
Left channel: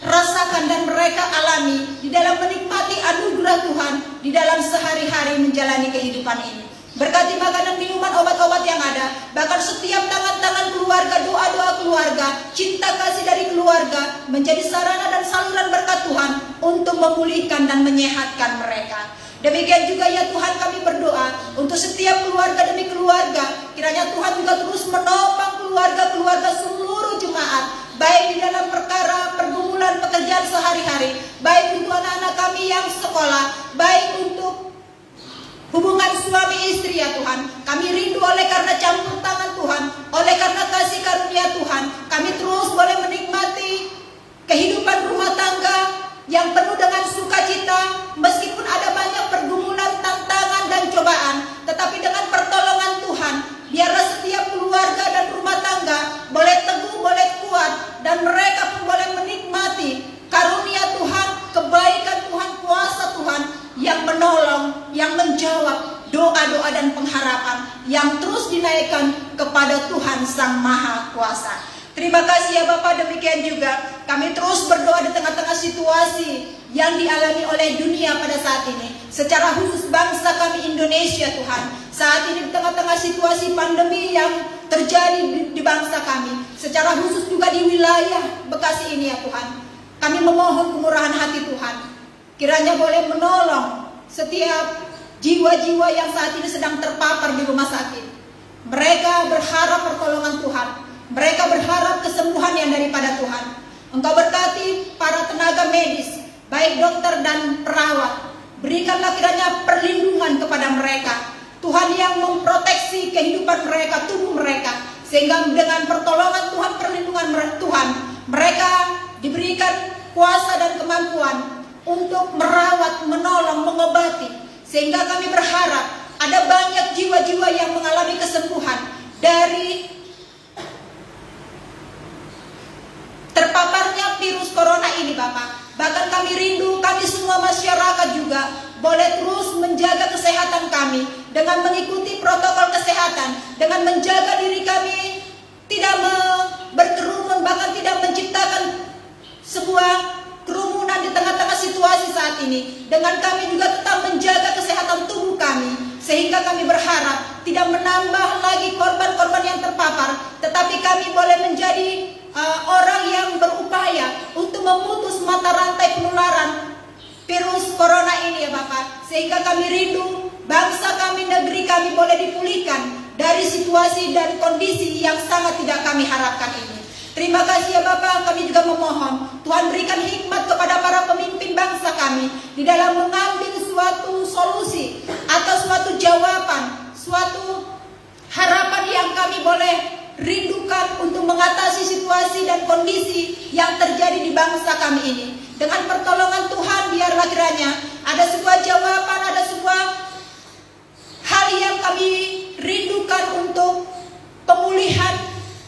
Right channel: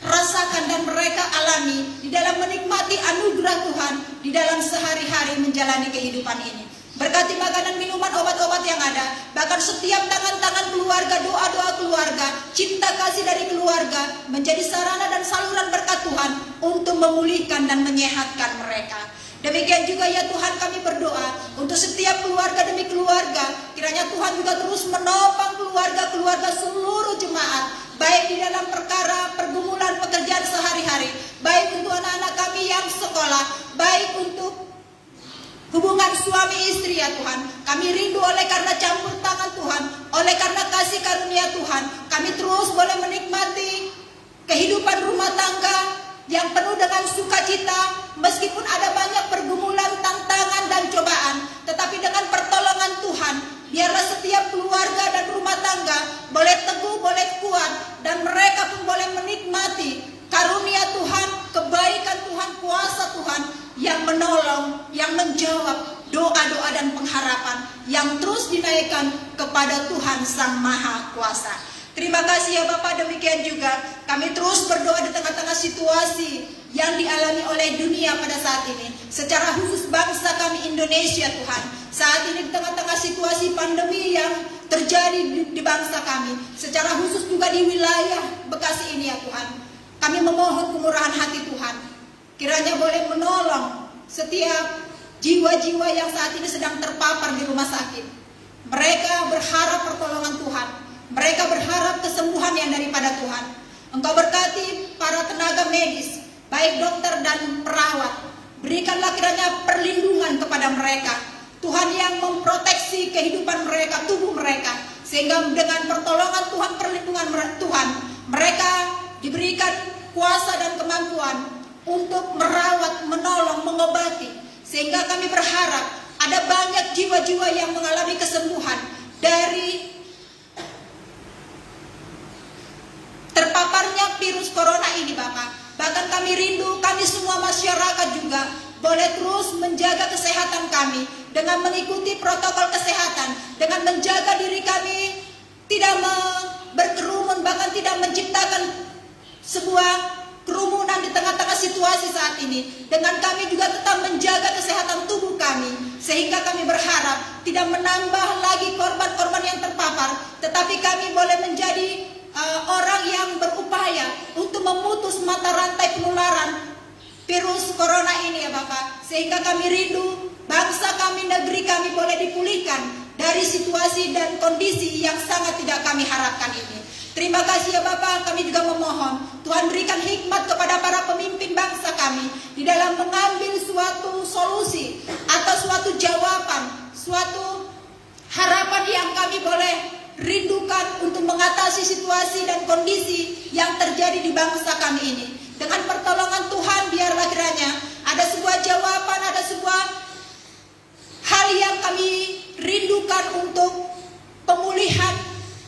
rasakan dan mereka alami di dalam menikmati anugerah Tuhan di dalam sehari-hari menjalani kehidupan ini. Berkati makanan, minuman, obat-obat yang ada, bahkan setiap tangan-tangan keluarga, doa-doa keluarga, cinta kasih dari keluarga menjadi sarana dan saluran berkat Tuhan untuk memulihkan dan menyehatkan mereka. Demikian juga ya Tuhan, kami berdoa untuk setiap keluarga demi keluarga. Kiranya Tuhan juga terus menopang keluarga-keluarga seluruh jemaat, baik di dalam perkara pergumulan pekerjaan sehari-hari, baik untuk anak-anak kami yang sekolah, baik untuk hubungan suami istri ya Tuhan. Kami rindu oleh karena campur tangan Tuhan, oleh karena kasih karunia Tuhan, kami terus boleh menikmati kehidupan rumah tangga yang penuh dengan sukacita, meskipun ada banyak pergumulan, tantangan dan cobaan, tetapi dengan pertolongan Tuhan, biarlah setiap keluarga dan rumah tangga boleh teguh, boleh kuat, dan mereka pun boleh menikmati karunia Tuhan, kebaikan Tuhan, kuasa Tuhan yang menolong, yang menjawab doa-doa dan pengharapan yang terus dinaikkan kepada Tuhan Sang Maha Kuasa. Terima kasih ya Bapak. Demikian juga kami terus berdoa di tengah-tengah situasi yang dialami oleh dunia pada saat ini, secara khusus bangsa kami Indonesia Tuhan. Saat ini di tengah-tengah situasi pandemi yang terjadi di bangsa kami, secara khusus juga di wilayah Bekasi ini ya Tuhan, kami memohon kemurahan hati Tuhan, kiranya boleh menolong setiap jiwa-jiwa yang saat ini sedang terpapar di rumah sakit. Mereka berharap pertolongan Tuhan, mereka berharap kesembuhan yang daripada Tuhan. Engkau berkati para tenaga medis, baik dokter dan perawat. Berikanlah kiranya perlindungan kepada mereka, Tuhan, yang memproteksi kehidupan mereka, tubuh mereka, sehingga dengan pertolongan Tuhan, perlindungan Tuhan, mereka diberikan kuasa dan kemampuan untuk merawat, menolong, mengobati. Sehingga kami berharap ada banyak jiwa-jiwa yang mengalami kesembuhan dari terpaparnya virus corona ini Bapak. Bahkan kami rindu, kami semua masyarakat juga boleh terus menjaga kesehatan kami dengan mengikuti protokol kesehatan, dengan menjaga diri kami tidak berkerumun, bahkan tidak menciptakan sebuah kerumunan di tengah-tengah situasi saat ini. Dengan kami juga tetap menjaga kesehatan tubuh kami, sehingga kami berharap tidak menambah lagi korban-korban yang terpapar, tetapi kami boleh menjadi orang yang berupaya untuk memutus mata rantai penularan virus corona ini ya Bapak. Sehingga kami rindu bangsa kami, negeri kami boleh dipulihkan dari situasi dan kondisi yang sangat tidak kami harapkan ini. Terima kasih ya Bapak. Kami juga memohon Tuhan berikan hikmat kepada para pemimpin bangsa kami di dalam mengambil suatu solusi atau suatu jawaban, suatu harapan yang kami boleh rindukan untuk mengatasi situasi dan kondisi yang terjadi di bangsa kami ini. Dengan pertolongan Tuhan, biarlah kiranya ada sebuah jawaban, ada sebuah hal yang kami rindukan untuk pemulihan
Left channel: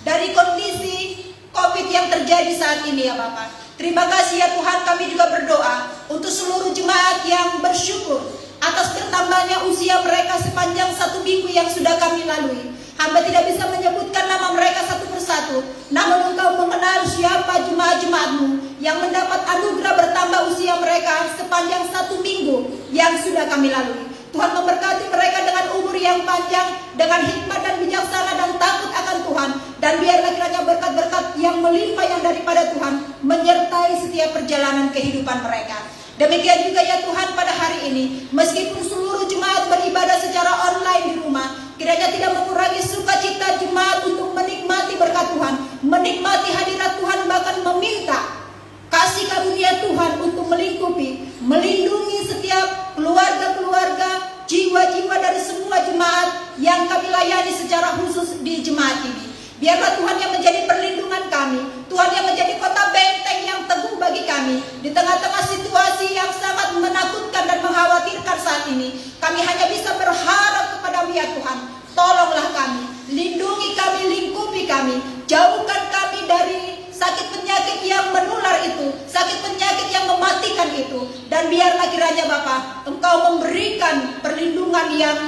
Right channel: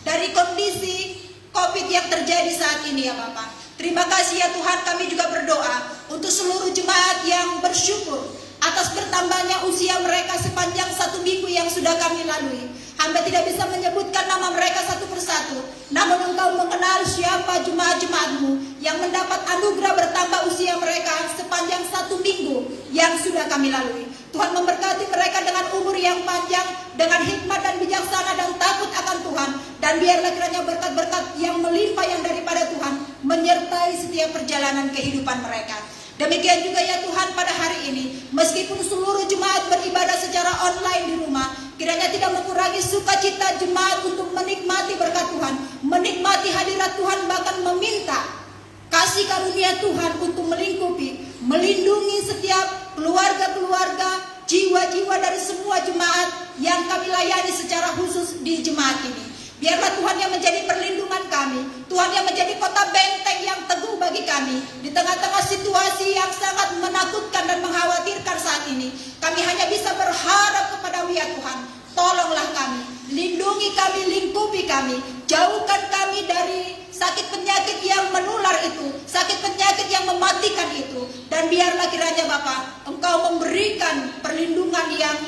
dari kondisi COVID yang terjadi saat ini ya Bapak. Terima kasih ya Tuhan. Kami juga berdoa untuk seluruh jemaat yang bersyukur atas bertambahnya usia mereka sepanjang 1 minggu yang sudah kami lalui. Hamba tidak bisa menyebutkan nama mereka satu persatu, namun Engkau mengenal siapa jemaat-jemaat-Mu yang mendapat anugerah bertambah usia mereka sepanjang 1 minggu yang sudah kami lalui. Tuhan memberkati mereka dengan umur yang panjang, dengan hikmat dan bijaksana dan takut akan Tuhan. Dan biarlah kiranya berkat-berkat yang melimpah yang daripada Tuhan menyertai setiap perjalanan kehidupan mereka. Demikian juga ya Tuhan pada hari ini, meskipun seluruh jemaat beribadah secara online di rumah, kiranya tidak mengurangi sukacita jemaat untuk menikmati berkat Tuhan, menikmati hadirat Tuhan, bahkan meminta kasih karunia Tuhan untuk melingkupi, melindungi setiap keluarga-keluarga, jiwa-jiwa dari semua jemaat yang kami layani secara khusus di jemaat ini. Biarlah Tuhan yang menjadi perlindungan kami, Tuhan yang menjadi kota benteng yang teguh bagi kami di tengah-tengah situasi yang sangat menakutkan dan mengkhawatirkan saat ini. Kami hanya bisa berharap kepada-Mu ya Tuhan. Tolonglah kami, lindungi kami, lingkupi kami, jauhkan kami dari sakit penyakit yang menular itu, sakit penyakit yang mematikan itu. Dan biarlah kiranya Bapa, Engkau memberikan perlindungan yang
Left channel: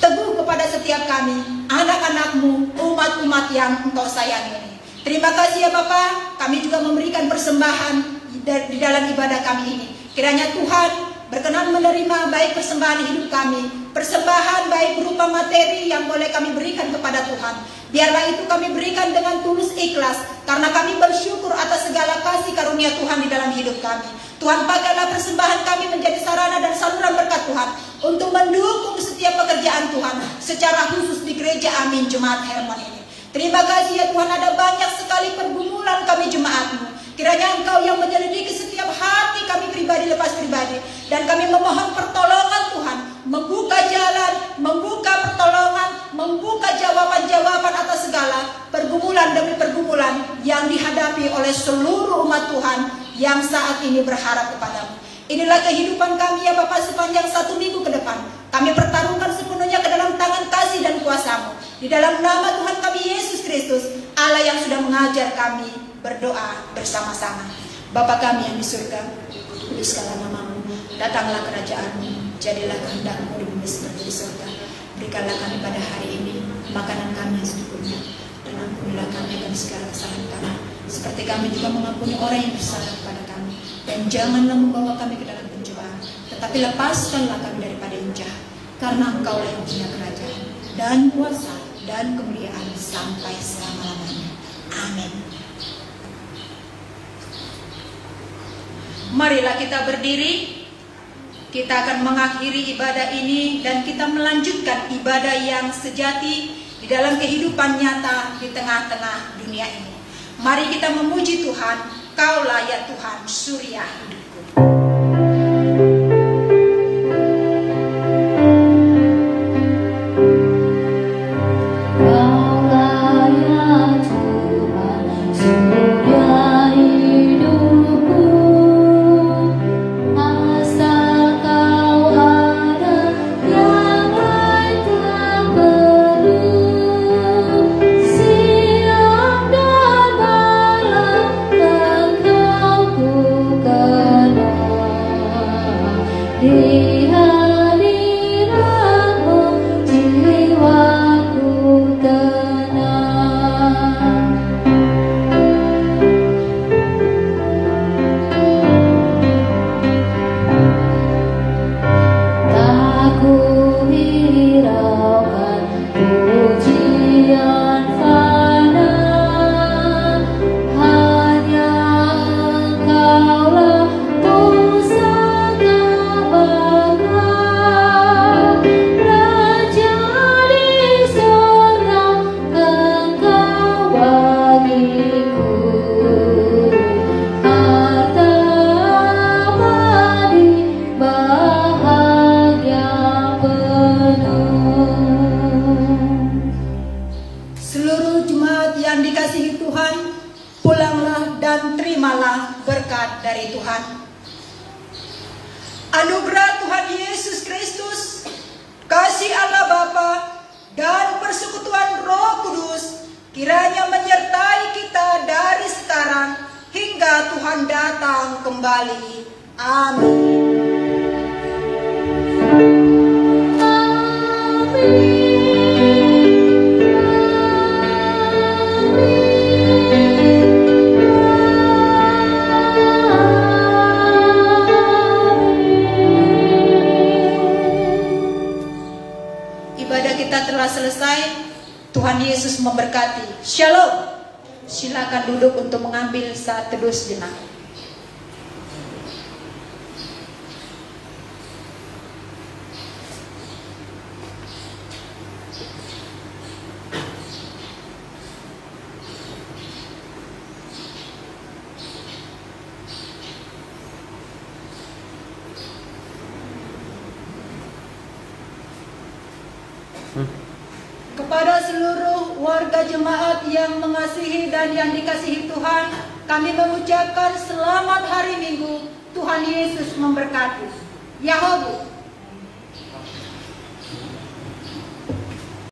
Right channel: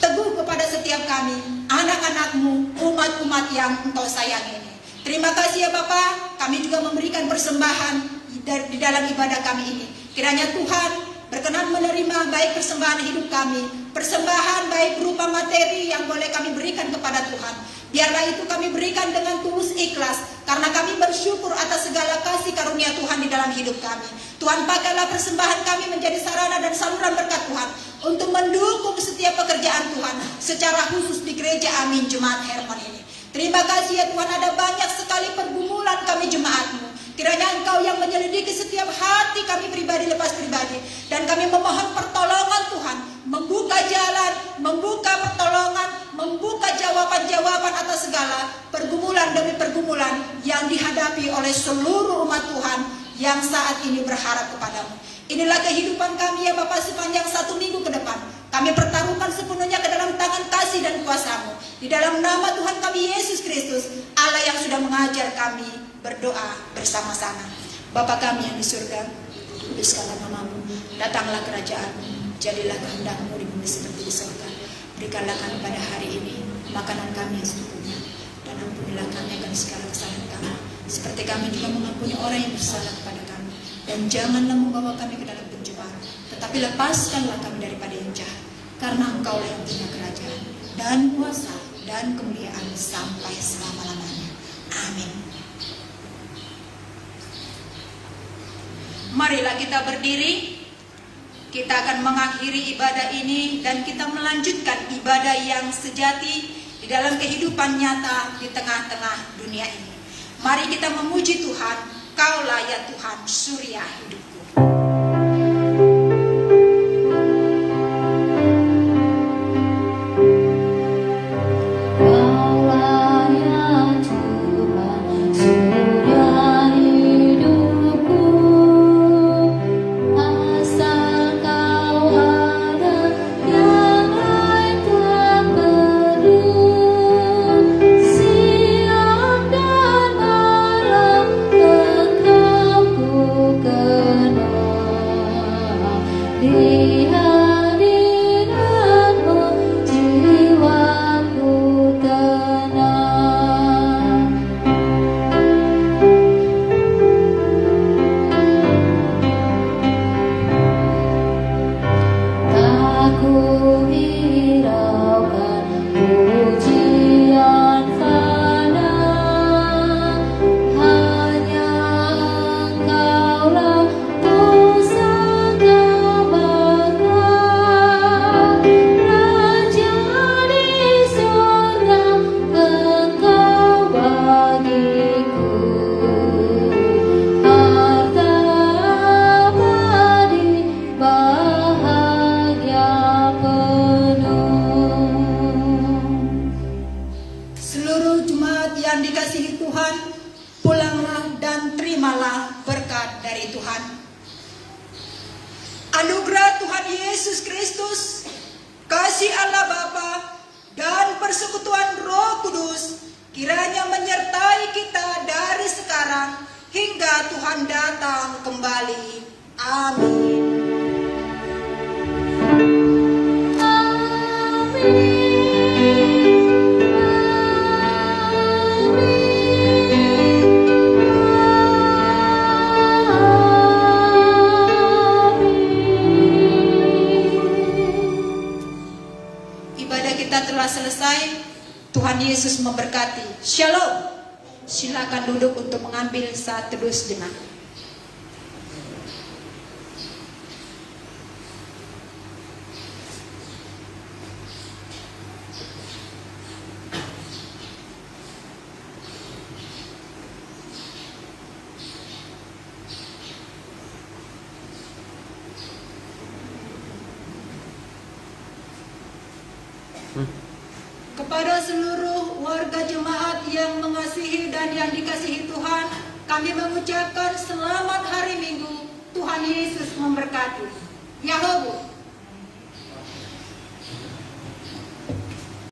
teguh kepada setiap kami, anak-anak-Mu, umat-umat yang Engkau sayangi ini. Terima kasih ya Bapa, kami juga memberikan persembahan di dalam ibadah kami ini. Kiranya Tuhan berkenan menerima baik persembahan hidup kami, persembahan baik berupa materi yang boleh kami berikan kepada Tuhan. Biarlah itu kami berikan dengan tulus ikhlas, karena kami bersyukur atas segala kasih karunia Tuhan di dalam hidup kami. Tuhan, pakailah persembahan kami menjadi sarana dan saluran berkat Tuhan untuk mendukung setiap pekerjaan Tuhan, secara khusus di gereja Amin Jemaat Hermon ini. Terima kasih ya Tuhan, ada banyak sekali pergumulan kami jemaat-Mu. Kiranya Engkau yang menyelidiki setiap hati kami pribadi lepas pribadi. Dan kami memohon pertolongan Tuhan, membuka jalan, membuka pertolongan, membuka jawaban-jawaban atas segala pergumulan demi pergumulan yang dihadapi oleh seluruh umat Tuhan yang saat ini berharap kepada-Mu. Inilah kehidupan kami ya Bapa sepanjang 1 minggu ke depan. Kami pertaruhkan sepenuhnya ke dalam tangan kasih dan kuasa-Mu. Di dalam nama Tuhan kami Yesus Kristus, Allah yang sudah mengajar kami berdoa bersama-sama. Bapa kami yang di surga, kuduskanlah nama-Mu, datanglah kerajaan-Mu, jadilah kehendak-Mu di bumi seperti di surga. Berikanlah kami pada hari ini makanan kami yang secukupnya, dan ampunilah kami akan segala kesalahan kami, seperti kami juga mengampuni orang yang bersalah kepada kami. Dan janganlah membawa kami ke dalam pencobaan, tetapi lepaskanlah kami daripada yang jahat, karena Engkau-lah yang punya kerajaan dan kuasa dan kemuliaan sampai selama-lamanya. Amin. Marilah kita berdiri. Kita akan mengakhiri ibadah ini dan kita melanjutkan ibadah yang sejati di dalam kehidupan nyata di tengah-tengah dunia ini. Mari kita memuji Tuhan. Kaulah ya Tuhan, surya hidupku. Anugerah Tuhan Yesus Kristus, kasih Allah Bapa, dan persekutuan Roh Kudus kiranya menyertai kita dari sekarang hingga Tuhan datang kembali. Amin. Selesai, Tuhan Yesus memberkati. Shalom. Silakan duduk untuk mengambil saat teduh sejenak. Kepada seluruh warga jemaat yang mengasihi dan yang dikasihi Tuhan, kami mengucapkan selamat hari Minggu. Tuhan Yesus memberkati. Yahobu.